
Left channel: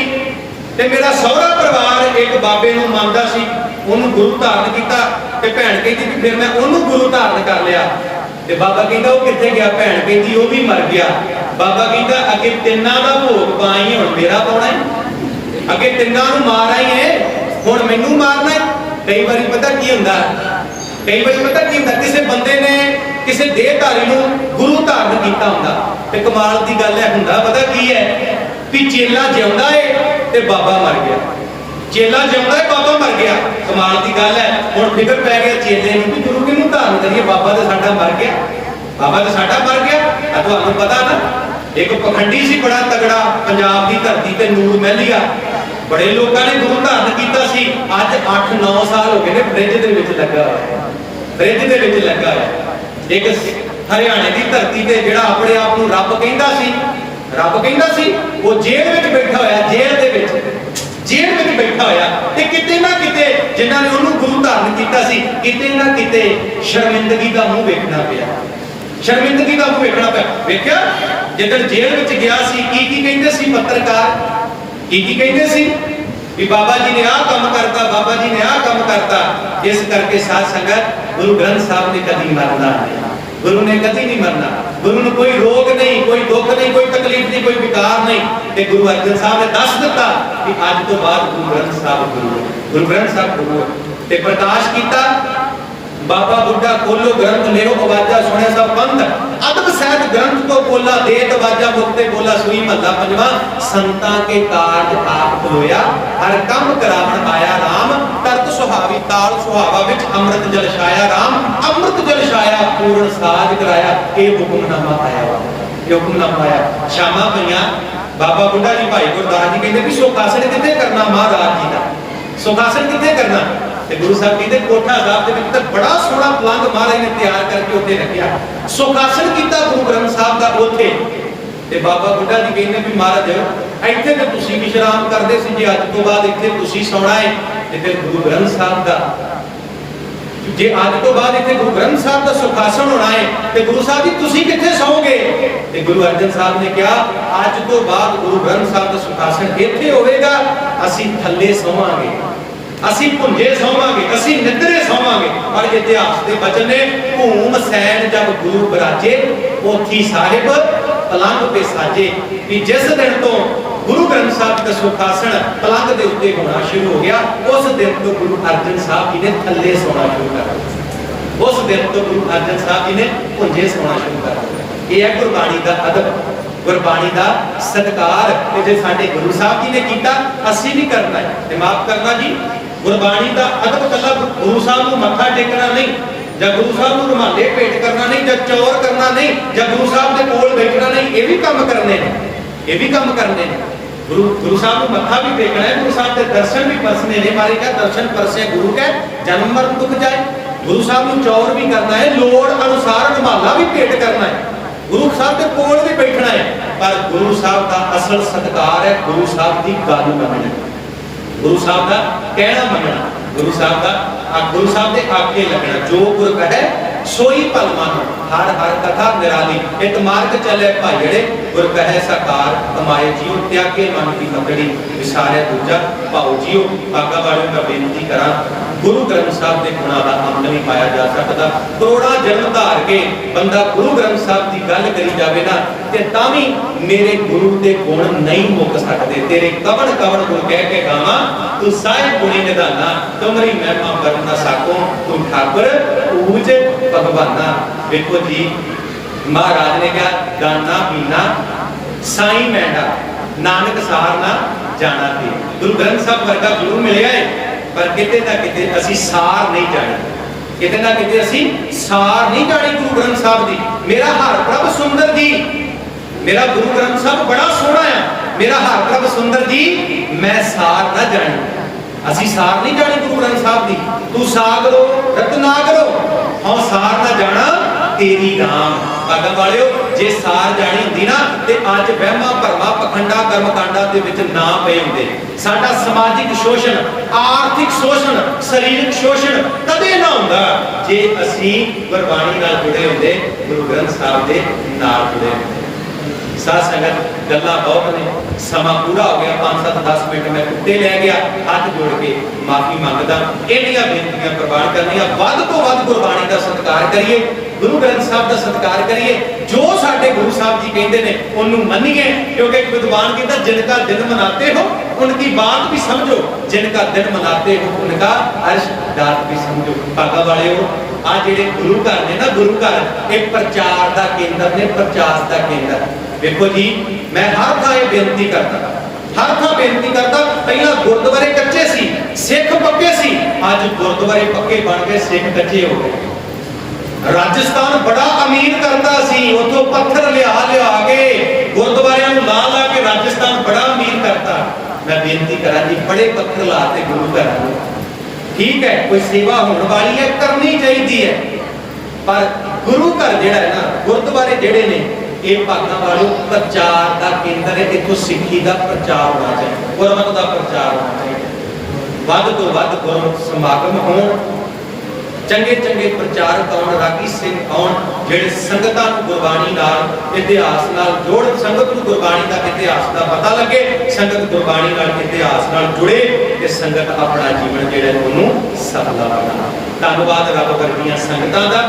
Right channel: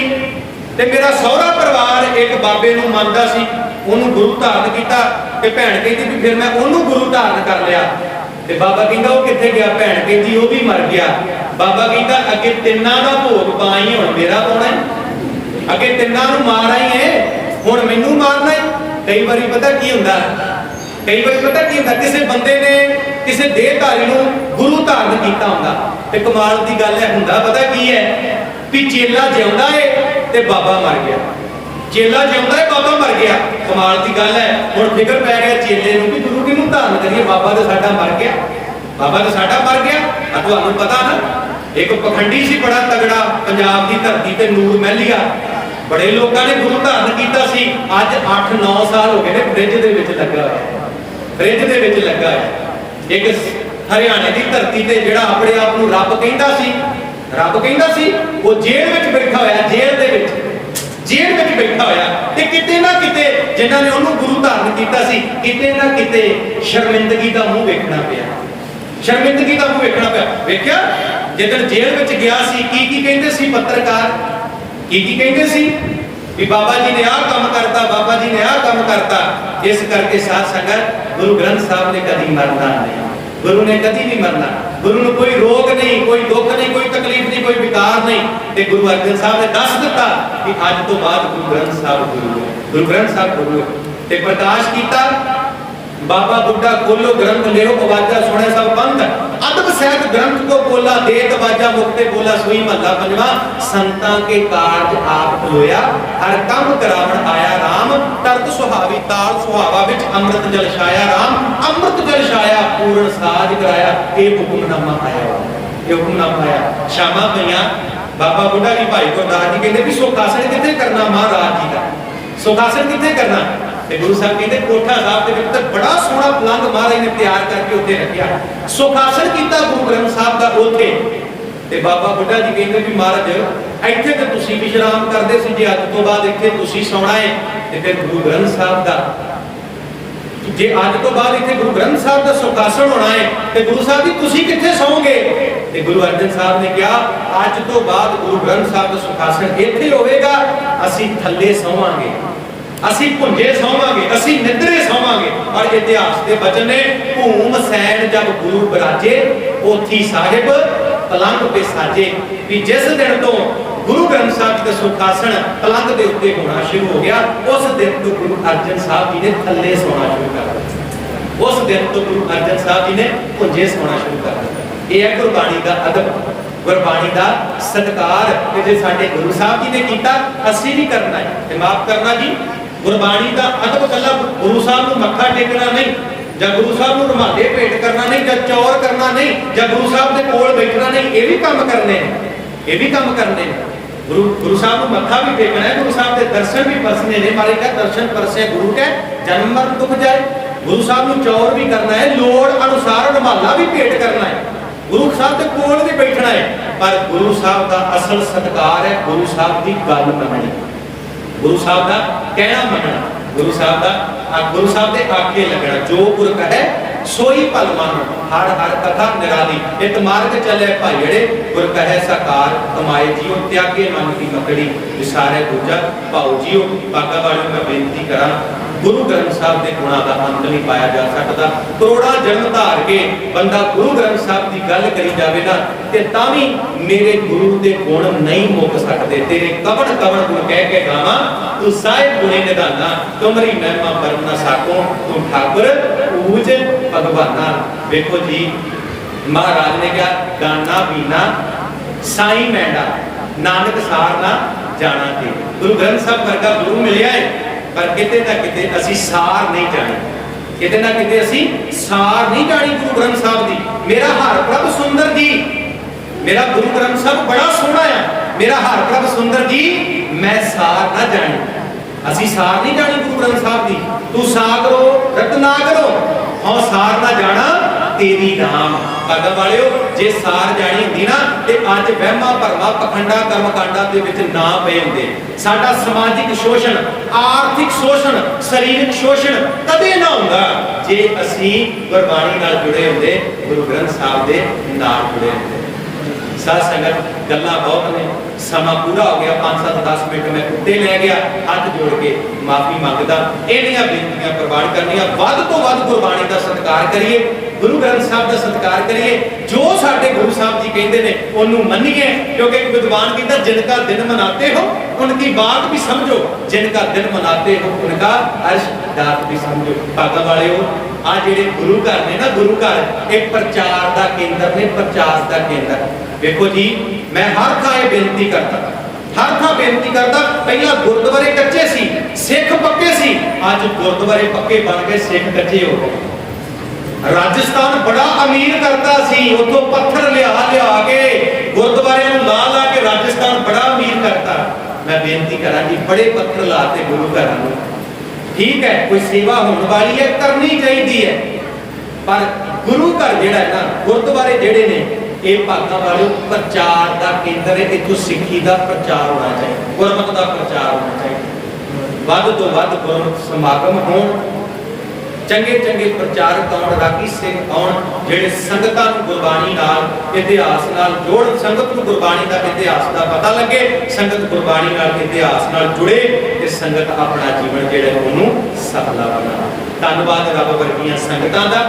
ते मेरा सहुरा परिवार एक बाबे नूं मनदा सी, उन्होंने गुरु धारण किया, ते भैन कहती भी फिर मैं उन्होंने गुरु धारण कर लिया। ते बाबा कहता वो कित्थे गया? भैन कहती वो भी मर गया। बाबा कहता अगे तिन्नां दा भोग पाई हुण मेरा पाउणा है, अगे तिन्नां नूं मार आई है हुण मैनू मारना है। कई बारी पता की हुंदा, कई बारी पता की हुंदा, किसी बंदे ने किसी देहधारी नूं गुरु धारण कीता हुंदा ते कमाल दी गल है, हुंदा पता की है भी चेला जिउंदा है ते बाबा मर गया, चेला जिउंदा है बाबा मर गया। कमाल दी गल है। हुण फिकर पै गया चेले नूं भी गुरु किहनूं धारण करिए, बाबा ते साडा मर गया, बाबा ते साडा मर गया। तुहानूं पता ना, एक पखंडी सी बड़ा तगड़ा पंजाब की धरती ते नूर महलिया, बड़े लोगों ने गुरु धारण किया सी। अज 8-9 साल हो गए ने फ्रिज दे विच लगा होया, फ्रिज दे विच लगा होया। एक हरियाणे की धरती ते जिहड़ा अपने आप नूं रब कहंदा सी, रब कहंदा सी, वो जेल विच बैठा होया, जेल दे विच, जेल विच बैठा होया। ते किते ना किते जिन्हां ने उहनूं गुरु धारण किया सी, किते ना किते शर्मिंदगी दा मूंह वेखना पिया, शर्मिंदगी दा मूंह वेखना पिया। वेख्या जिद्दन जेल विच गया सी, की कहंदे सी पत्रकार, की कहते सी भी बाबा जी ने आ काम करता, बाबा जी ने आ काम करता। इस करके साध संगत गुरु ग्रंथ साहब ने कभी मरना नहीं, गुरु ने कभी नहीं मरना, गुरु ने कोई रोग नहीं, कोई दुख नहीं, कोई तकलीफ नहीं, कोई विकार नहीं। ते गुरु अर्जन साहब ने दस दिता कि अज तो बाद गुरु ग्रंथ साहब गुरु है, गुरु ग्रंथ साहब गुरु है। ते प्रकाश किया बाबा बुड्ढा खोलो ग्रंथ लियो आवाजा सुने सब पंथ अदब सहित ग्रंथ को बोला देत आवाजा मुक्ते बोला सुई महला पंजवा संतां के कारज आप खलोया हर कम करावण आया राम तरत सुहावी ताल सुहावा विच अमृत जल छाया राम अमृत जल छाया पूर्ण साज कराया ये हुक्मनामा आया ये हुक्मनामा आया शामा पईयां बाबा बुड्ढा जी भाई गुरदास जी कहते भी सुखासन किथे करना महाराज जी का सुखासन किथे करना ਤੇ ਗੁਰੂ ਸਾਹਿਬ ਕਹਿੰਦੇ ਕੋਠਾ ਸਾਹਿਬ ਦੇ ਵਿੱਚ ਤਾਂ ਬੜਾ ਸੋਹਣਾ ਪਲੰਗ ਮਹਾਰਾਜ ਨੇ ਤਿਆਰ ਕਰਕੇ ਉੱਥੇ ਰੱਖਿਆ ਸੁਖਾਸਨ ਕੀਤਾ ਗੁਰੂ ਗ੍ਰੰਥ ਸਾਹਿਬ ਦਾ ਉੱਥੇ ਤੇ ਬਾਬਾ ਬੁੱਢਾ ਜੀ ਕਹਿੰਦੇ ਵੀ ਮਹਾਰਾਜ ਇੱਥੇ ਤੇ ਤੁਸੀਂ ਵਿਸ਼ਰਾਮ ਕਰਦੇ ਸੀ ਜੇ ਅੱਜ ਤੋਂ ਬਾਅਦ ਇੱਥੇ ਤੁਸੀਂ ਸੌਣਾ ਹੈ ਤੇ ਫਿਰ ਗੁਰੂ ਗ੍ਰੰਥ ਸਾਹਿਬ ਦਾ ਜੇ ਅੱਜ ਤੋਂ ਬਾਅਦ ਇੱਥੇ ਗੁਰੂ ਗ੍ਰੰਥ ਸਾਹਿਬ ਦਾ ਸੁਖਾਸਨ ਹੋਣਾ ਹੈ ਤੇ ਗੁਰੂ ਸਾਹਿਬ ਜੀ ਤੁਸੀਂ ਕਿੱਥੇ ਸੌਂਗੇ ਤੇ ਗੁਰੂ ਅਰਜਨ ਸਾਹਿਬ ਨੇ ਕਿਹਾ ਅੱਜ ਤੋਂ ਬਾਅਦ ਗੁਰੂ ਗ੍ਰੰਥ ਸਾਹਿਬ ਦਾ ਸੁਖਾਸਨ ਇੱਥੇ ਹੋਵੇਗਾ ਅਸੀਂ ਥੱਲੇ ਸੌਵਾਂਗੇ ਅਸੀਂ ਭੁੰਜੇ ਸੌਵਾਂਗੇ ਅਸੀਂ ਨਿਦਰੇ ਸੌਵਾਂਗੇ ਔਰ ਇਤਿਹਾਸ ਦੇ ਬਚਨ ਨੇ ਭੂਮ ਸੈਨ ਜਬ ਗੁਰੂ ਬਰਾਜੇ ਪੋਥੀ ਸਾਹਿਬ ਪਲੰਗ ਤੇ ਸਾਜੇ ਵੀ ਜਿਸ ਦਿਨ ਤੋਂ ਗੁਰੂ ਗ੍ਰੰਥ ਸਾਹਿਬ ਦਾ ਸੁਖਾਸਨ ਪਲੰਗ ਦੇ ਉੱਤੇ ਹੋਣਾ ਸ਼ੁਰੂ ਹੋ ਗਿਆ ਉਸ ਦਿਨ ਤੋਂ ਗੁਰੂ ਅਰਜਨ ਸਾਹਿਬ ਜੀ ਨੇ ਥੱਲੇ ਸੌਣਾ ਸ਼ੁਰੂ ਕਰ ਦਿੱਤਾ ਉਸ ਦਿਨ ਤੋਂ ਗੁਰੂ ਅਰਜਨ ਸਾਹਿਬ ਜੀ ਨੇ ਭੁੰਜੇ ਸੌਣਾ ਸ਼ੁਰੂ ਕਰ ਦਿੱਤਾ ਇਹ ਹੈ ਗੁਰਬਾਣੀ ਦਾ ਅਦਬ ਗੁਰਬਾਣੀ ਦਾ ਸਤਿਕਾਰ ਤੇ ਜੇ ਸਾਡੇ ਗੁਰੂ ਸਾਹਿਬ ਜੀ ਨੇ ਕੀਤਾ ਅਸੀਂ ਵੀ ਕਰਨਾ ਹੈ ਤੇ ਮਾਫ ਕਰਨਾ ਜੀ ਗੁਰਬਾਣੀ ਦਾ ਅਦਬ ਕੱਲਾ ਗੁਰੂ ਸਾਹਿਬ ਨੂੰ ਮੱਥਾ ਟੇਕਣਾ ਨਹੀਂ ਜਾਂ ਗੁਰੂ ਸਾਹਿਬ ਨੂੰ ਰੁਮਾਲੇ ਭੇਟ ਕਰਨਾ ਨਹੀਂ ਜਾਂ ਚੌਰ ਕਰਨਾ ਨਹੀਂ ਜਾਂ ਗੁਰੂ ਸਾਹਿਬ ਦੇ ਕੋਲ ਬੈਠਣਾ ਨਹੀਂ ਇਹ ਵੀ ਕੰਮ ਕਰਨੇ ਨੇ ਇਹ ਵੀ ਕੰਮ ਕਰਨੇ ਨੇ ਗੁਰੂ ਸਾਹਿਬ ਨੂੰ ਮੱਥਾ ਵੀ ਟੇਕਣਾ ਹੈ ਗੁਰੂ ਸਾਹਿਬ ਦੇ ਦਰਸ਼ਨ ਵੀ ਪਰਸਨੇ ਨੇ ਮਾਰੇ ਕਾ ਦਰਸ਼ਨ ਪਰਸੇ ਗੁਰੂ ਕੈ ਜਨਮ ਮਰਨ ਦੁਖ ਜਾਏ ਗੁਰੂ ਸਾਹਿਬ ਨੂੰ ਚੌਰ ਵੀ ਕਰਨਾ ਹੈ ਲੋੜ ਅਨੁਸਾਰ ਰੁਮਾਲਾ ਵੀ ਭੇਟ ਕਰਨਾ ਹੈ ਗੁਰੂ ਸਾਹਿਬ ਦੇ ਕੋਲ ਵੀ ਬੈਠਣਾ ਹੈ ਪਰ ਗੁਰੂ ਸਾਹਿਬ ਦਾ ਅਸਲ ਸਤਿਕਾਰ ਹੈ ਗੁਰੂ ਸਾਹਿਬ ਦੀ ਗੱਲ ਮੰਨਣੀ ਗੁਰੂ ਸਾਹਿਬ ਦਾ ਕਹਿਣਾ ਮੰਨਣਾ ਗੁਰੂ ਸਾਹਿਬ ਦੇ ਆਖੇ ਲੱਗਣਾ ਜੋ ਗੁਰ ਕਹੈ ਸੋਈ ਭਲ ਮੰਨ ਹਰ ਹਰ ਕਥਾ ਨਿਰਾਲੀ ਇੱਕ ਮਾਰਗ ਚੱਲੇ ਭਾਈੜੇ ਗੁਰ ਕਹੈ ਸਾਕਾਰ ਕਮਾਏ ਜੀਉ ਤਿਆਗੇ ਮਨ ਦੀ ਮਤੜੀ ਵਿਸਾਰਿਆ ਦੂਜਾ ਭਾਉ ਜੀਉ ਆਗਾ ਵਾਲੀ ਮੈਂ ਬੇਨਤੀ ਕਰਾਂ ਗੁਰੂ ਗ੍ਰੰਥ ਸਾਹਿਬ ਦੇ ਗੁਣਾਂ ਦਾ ਅੰਤ ਨਹੀਂ ਪਾਇਆ ਜਾ ਸਕਦਾ ਕਰੋੜਾਂ ਜਨਮ ਧਾਰ ਕੇ ਬੰਦਾ ਗੁਰੂ ਗ੍ਰੰਥ ਸਾਹਿਬ ਦੀ ਗੱਲ ਕਰੀ ਜਾਵੇ ਨਾ ਤੇ ਤਾਂ ਵੀ ਮੇਰੇ ਗੁਰੂ ਦੇ ਗੁਣ ਨਹੀਂ ਮੁੱਕ ਸਕਦੇ ਤੇਰੇ ਕਵਣ ਕਵਣ ਗੁਣ ਕਹਿ ਕੇ ਗਾਵਾਂ ਤੂੰ ਸਾਹਿਬ ਗੁਣੇ ਨਿਧਾਨਾ ਤੁਮਰੀ ਮਹਿਮਾ ਪਰਮ ਨਾ ਸਾਕੋ ਤੂੰ ਠਾਕੁਰ ਊਜ ਭਗਵਾਨਾ ਵੇਖੋ ਜੀ ਮਹਾਰਾਜ ਨੇ ਕਿਹਾ ਗਾਨਾ ਪੀਣਾ ਸਾਈ ਮੈਂਡਾ ਨਾਨਕ ਸਾਰ ਨਾ ਜਾਣਾ ਤੇ ਗੁਰੂ ਗ੍ਰੰਥ ਸਾਹਿਬ ਵਰਗਾ ਗੁਰੂ ਮਿਲਿਆ ਹੈ ਪਰ ਕਿਤੇ ਨਾ ਕਿਤੇ ਅਸੀਂ ਸਾਰ ਨਹੀਂ ਜਾਣੀ ਕਿਤੇ ਨਾ ਕਿਤੇ ਅਸੀਂ ਸਾਰ ਨਹੀਂ ਜਾਣੀ ਗੁਰੂ ਗ੍ਰੰਥ ਸਾਹਿਬ ਦੀ ਮੇਰਾ ਹਰ ਪ੍ਰਭ ਸੁੰਦਰ ਜੀ ਮੇਰਾ ਗੁਰੂ ਗ੍ਰੰਥ ਸਾਹਿਬ ਬੜਾ ਸੋਹਣਾ ਆ ਮੇਰਾ ਹਰ ਪ੍ਰਭ ਸੁੰਦਰ ਜੀ ਮੈਂ ਸਾਰ ਨਾ ਜਾਣੀ ਅਸੀਂ ਸਾਰ ਨਹੀਂ ਜਾਣੀ ਗੁਰੂ ਗ੍ਰੰਥ ਸਾਹਿਬ ਦੀ ਤੂੰ ਸਾਗਰੋ ਰਤਨਾਗਰੋ ਹਉ ਸਾਰ ਨਾ ਜਾਣਾ ਤੇਰੀ ਨਾਮ ਭਾਗਾ ਵਾਲਿਓ ਜੇ ਸਾਰ ਜਾਣੀ ਹੁੰਦੀ ਨਾ ਤੇ ਅੱਜ ਵਹਿਮਾਂ ਭਰਮਾਂ ਪਖੰਡਾਂ ਕਰਮਕਾਂਡਾਂ ਦੇ ਵਿੱਚ ਨਾ ਪਏ ਹੁੰਦੇ ਸਾਡਾ ਸਮਾਜਿਕ ਸ਼ੋਸ਼ਣ ਆਰਥਿਕ ਸ਼ੋਸ਼ਣ ਸਰੀਰਕ ਸ਼ੋਸ਼ਣ ਕਦੇ ਨਾ ਹੁੰਦਾ ਜੇ ਅਸੀਂ ਗੁਰਬਾਣੀ ਨਾਲ ਜੁੜੇ ਹੁੰਦੇ ਗੁਰੂ ਗ੍ਰੰਥ ਸਾਹਿਬ ਦੇ ਨਾਲ ਜੁੜੇ ਹੁੰਦੇ ਸਾਧ ਸੰਗਤ ਗੱਲਾਂ ਬਹੁਤ ਨੇ ਸਮਾਂ ਪੂਰਾ ਹੋ ਗਿਆ 5-7-10 ਮਿੰਟ ਮੈਂ ਉੱਤੇ ਲੈ ਗਿਆ ਹੱਥ ਜੋੜ ਕੇ ਮਾਫੀ ਮੰਗਦਾ ਇਹਨੀਆਂ ਬੇਨਤੀਆਂ ਪ੍ਰਵਾਨ ਕਰਨੀਆਂ ਵੱਧ ਤੋਂ ਵੱਧ ਗੁਰਬਾਣੀ ਦਾ ਸਤਿਕਾਰ ਕਰੀਏ ਗੁਰੂ ਗ੍ਰੰਥ ਸਾਹਿਬ ਦਾ ਸਤਿਕਾਰ ਕਰੀਏ ਜੋ ਸਾਡੇ ਗੁਰੂ ਸਾਹਿਬ ਜੀ ਕਹਿੰਦੇ ਨੇ ਉਹਨੂੰ ਮੰਨੀਏ ਕਿਉਂਕਿ ਇੱਕ ਵਿਦਵਾਨ ਕਹਿੰਦਾ ਜਿਨਕਾ ਦਿਨ ਮਨਾਤੇ ਹੋ ਉਨਕੀ ਬਾਤ ਵੀ ਸਮਝੋ ਜਿਨਕਾ ਦਿਨ ਮਨਾਤੇ ਹੋ ਉਨਕਾ ਅਰਸ਼ ਦਾਤ ਵੀ ਸਮਝੋ ਭਾਗਾ ਵਾਲਿਓ ਆ ਜਿਹੜੇ ਗੁਰੂ ਘਰ ਨੇ ਨਾ ਗੁਰੂ ਘਰ ਇਹ ਪ੍ਰਚਾਰ ਦਾ ਕੇਂਦਰ ਨੇ ਪ੍ਰਚਾਰ ਦਾ ਕੇਂਦਰ ਵੇਖੋ ਜੀ ਮੈਂ ਹਰ ਥਾਂ ਇਹ ਬੇਨਤੀ ਕਰਦਾ ਪਹਿਲਾਂ ਗੁਰਦੁਆਰੇ ਕੱਚੇ ਸੀ ਸਿੱਖ ਪੱਕੇ ਸੀ ਅੱਜ ਗੁਰਦੁਆਰੇ ਪੱਕੇ ਬਣ ਗਏ ਸਿੱਖ ਕੱਚੇ ਹੋ ਗਏ ਰਾਜਸਥਾਨ ਬੜਾ ਅਮੀਰ ਕਰਦਾ ਸੀ ਉੱਥੋਂ ਪੱਥਰ ਲਿਆ ਕੇ ਗੁਰਦੁਆਰਿਆਂ ਨੂੰ ਲਾ ਕੇ ਰਾਜਸਥਾਨ ਬੜਾ ਅਮੀਰ ਕਰਤਾ ਮੈਂ ਬੇਨਤੀ ਕਰਾਂ ਜੀ ਬੜੇ ਪੱਥਰ ਲਾਤੇ ਗੁਰੂ ਘਰਾਂ ਨੂੰ ਠੀਕ ਹੈ ਕੋਈ ਸੇਵਾ ਹੋਣ ਵਾਲੀ ਹੈ ਕਰਨੀ ਚਾਹੀਦੀ ਹੈ ਪਰ ਗੁਰੂ ਘਰ ਜਿਹੜਾ ਹੈ ਨਾ ਗੁਰਦੁਆਰੇ ਜਿਹੜੇ ਨੇ ਇਹ ਭਾਗਾਂ ਵਾਲਿਓ ਪ੍ਰਚਾਰ ਦਾ ਕੇਂਦਰ ਹੈ ਇੱਥੋਂ ਸਿੱਖੀ ਦਾ ਪ੍ਰਚਾਰ ਹੋਣਾ ਚਾਹੀਦਾ ਗੁਰਮਤਿ ਦਾ ਪ੍ਰਚਾਰ ਹੋਣਾ ਚਾਹੀਦਾ ਵੱਧ ਤੋਂ ਵੱਧ ਗੁਰਮਤਿ ਸਮਾਗਮ ਹੋਣ ਚੰਗੇ ਪ੍ਰਚਾਰਕ ਆਉਣ ਰਾਗੀ ਸਿੰਘ ਆਉਣ ਜਿਹੜੇ ਸੰਗਤਾਂ ਨੂੰ ਗੁਰਬਾਣੀ ਨਾਲ ਇਤਿਹਾਸ ਨਾਲ ਜੋੜ ਸੰਗਤ ਨੂੰ ਗੁਰਬਾਣੀ ਦਾ ਇਤਿਹਾਸ ਦਾ ਪਤਾ ਲੱਗੇ ਸੰਗਤ ਗੁਰਬਾਣੀ ਨਾਲ ਇਤਿਹਾਸ ਨਾਲ ਜੁੜੇ ਤੇ ਸੰਗਤ ਆਪਣਾ ਜੀਵਨ ਜਿਹੜਾ ਉਹਨੂੰ ਸਫਲਾ ਬਣਾਵੇ ਧੰਨਵਾਦ ਰੱਬ ਵਰਗੀਆਂ ਸੰਗਤਾਂ ਦਾ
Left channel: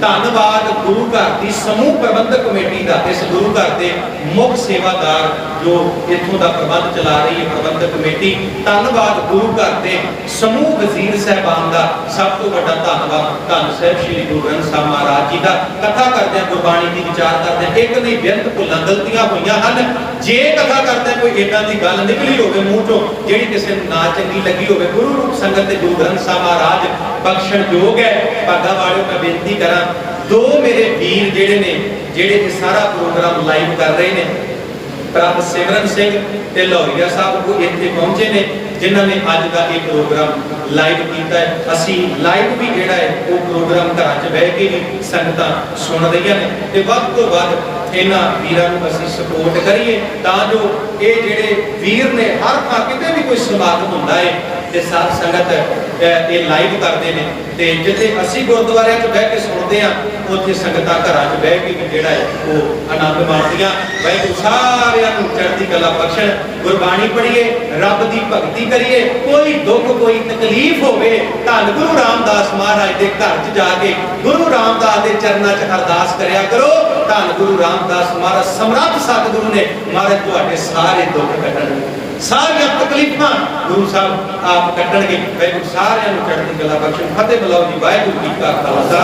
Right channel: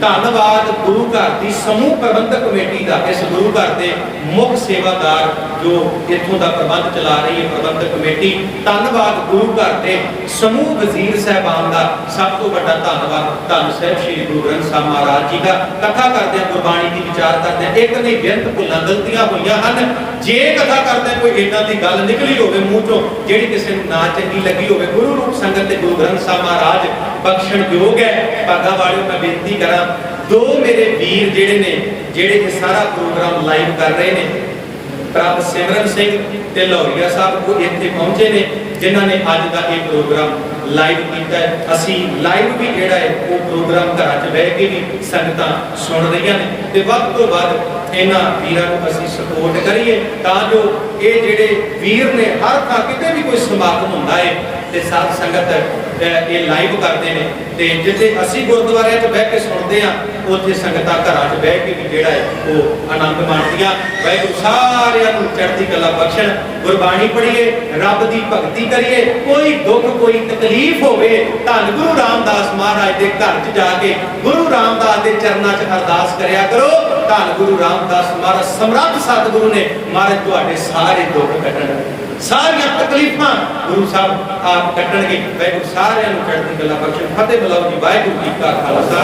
ਧੰਨਵਾਦ ਗੁਰੂ ਘਰ ਦੀ ਸਮੂਹ ਪ੍ਰਬੰਧਕ ਕਮੇਟੀ ਦਾ, ਇਸ ਗੁਰੂ ਘਰ ਦੇ ਮੁੱਖ ਸੇਵਾਦਾਰ ਜੋ ਇੱਥੋਂ ਦਾ ਪ੍ਰਬੰਧ ਚਲਾ ਰਹੀ ਹੈ ਪ੍ਰਬੰਧਕ ਕਮੇਟੀ। ਧੰਨਵਾਦ ਗੁਰੂ ਘਰ ਦੇ ਸਮੂਹ ਵਜ਼ੀਰ ਸਾਹਿਬਾਨ ਦਾ, ਸਭ ਤੋਂ ਵੱਡਾ ਧੰਨਵਾਦ ਧੰਨ ਸਾਹਿਬ ਸ੍ਰੀ ਗੁਰੂ ਗ੍ਰੰਥ ਸਾਹਿਬ ਮਹਾਰਾਜ ਜੀ ਦਾ। ਕਥਾ ਕਰਦਿਆਂ ਗੁਰਬਾਣੀ ਦੀ ਵਿਚਾਰ ਕਰਦਿਆਂ ਇੱਕ ਨਹੀਂ ਬੇਅੰਤ ਭੁੱਲਾਂ ਗਲਤੀਆਂ ਹੋਈਆਂ ਹਨ। ਜੇ ਕਥਾ ਕਰਦਿਆਂ ਕੋਈ ਏਦਾਂ ਦੀ ਗੱਲ ਨਿਕਲੀ ਹੋਵੇ ਮੂੰਹ ਚੋਂ ਜਿਹੜੀ ਕਿਸੇ ਨੂੰ ਨਾ ਚੰਗੀ ਲੱਗੀ ਹੋਵੇ, ਗੁਰੂ ਰੂਪ ਸੰਗਤ ਤੇ ਗੁਰੂ ਗ੍ਰੰਥ ਸਾਹਿਬ ਮਹਾਰਾਜ ਬਖਸ਼ਣਯੋਗ ਹੈ। ਭਾਗਾ ਵਾਲਿਓ, ਮੈਂ ਬੇਨਤੀ ਕਰਾਂ, ਦੋ ਮੇਰੇ ਵੀਰ ਜਿਹੜੇ ਇਹ ਸਾਰਾ ਪ੍ਰੋਗਰਾਮ ਲਾਈਵ ਕਰ ਰਹੇ ਨੇ, ਪ੍ਰਭ ਸਿਮਰਨ ਸਿੰਘ ਤੇ ਲੋਹੀਆ ਸਾਹਿਬ, ਉਹ ਇੱਥੇ ਪਹੁੰਚੇ ਨੇ ਜਿਨ੍ਹਾਂ ਨੇ ਅੱਜ ਦਾ ਇਹ ਪ੍ਰੋਗਰਾਮ ਲਾਈਵ ਕੀਤਾ ਹੈ। ਅਸੀਂ ਲਾਈਵ ਵੀ ਜਿਹੜਾ ਹੈ ਉਹ ਪ੍ਰੋਗਰਾਮ ਘਰਾਂ 'ਚ ਬਹਿ ਕੇ ਵੀ ਸੰਗਤਾਂ ਸੁਣ ਰਹੀਆਂ ਨੇ ਤੇ ਵੱਧ ਤੋਂ ਵੱਧ ਇਹਨਾਂ ਵੀਰਾਂ ਨੂੰ ਅਸੀਂ ਸਪੋਰਟ ਕਰੀਏ ਤਾਂ ਜੋ ਇਹ ਜਿਹੜੇ ਵੀਰ ਨੇ ਹਰ ਥਾਂ ਕਿਤੇ ਵੀ ਕੋਈ ਸਮਾਗਮ ਹੁੰਦਾ ਹੈ ਤੇ ਸਾਧ ਸੰਗਤ ਇਹ ਲਾਈਵ ਕਰਦੇ ਨੇ ਤੇ ਜਿੱਥੇ ਅਸੀਂ ਗੁਰਦੁਆਰਿਆਂ 'ਚ ਬਹਿ ਕੇ ਸੁਣਦੇ ਆ ਉੱਥੇ ਸੰਗਤਾਂ ਘਰਾਂ 'ਚ ਬਹਿ ਕੇ ਵੀ ਜਿਹੜਾ ਹੈ ਉਹ ਆਨੰਦ ਮਾਣਦੀਆਂ। ਵਾਹਿਗੁਰੂ ਸਾਰਿਆਂ ਨੂੰ ਚੜ੍ਹਦੀ ਕਲਾ ਬਖਸ਼ਣ। ਗੁਰਬਾਣੀ ਪੜ੍ਹੀਏ, ਰੱਬ ਦੀ ਭਗਤੀ ਕਰੀਏ। ਕੋਈ ਦੁੱਖ ਕੋਈ ਤਕਲੀਫ ਹੋਵੇ, ਧੰਨ ਗੁਰੂ ਰਾਮਦਾਸ ਮਹਾਰਾਜ ਦੇ ਘਰ 'ਚ ਜਾ ਕੇ ਗੁਰੂ ਰਾਮਦਾਸ ਦੇ ਚਰਨਾਂ 'ਚ ਅਰਦਾਸ ਕਰਿਆ ਕਰੋ। ਧੰਨ ਗੁਰੂ ਰਾਮਦਾਸ ਮਹਾਰਾਜ ਸਮਰੱਥ ਸਤਿਗੁਰੂ ਨੇ, ਮਹਾਰਾਜ ਤੁਹਾਡੇ ਸਾਰੇ ਦੁੱਖ ਕੱਢਣਗੇ, ਸਾਰੀਆਂ ਤਕਲੀਫਾਂ ਗੁਰੂ ਸਾਹਿਬ ਆਪ ਕੱਢਣਗੇ। ਵਾਹਿਗੁਰੂ ਸਾਰਿਆਂ ਨੂੰ ਚੜ੍ਹਦੀ ਕਲਾ ਬਖਸ਼ਣ। ਫਤਿਹ ਬੁਲਾਓ ਜੀ। ਵਾਹਿਗੁਰੂ ਜੀ ਕਾ ਖਾਲਸਾ।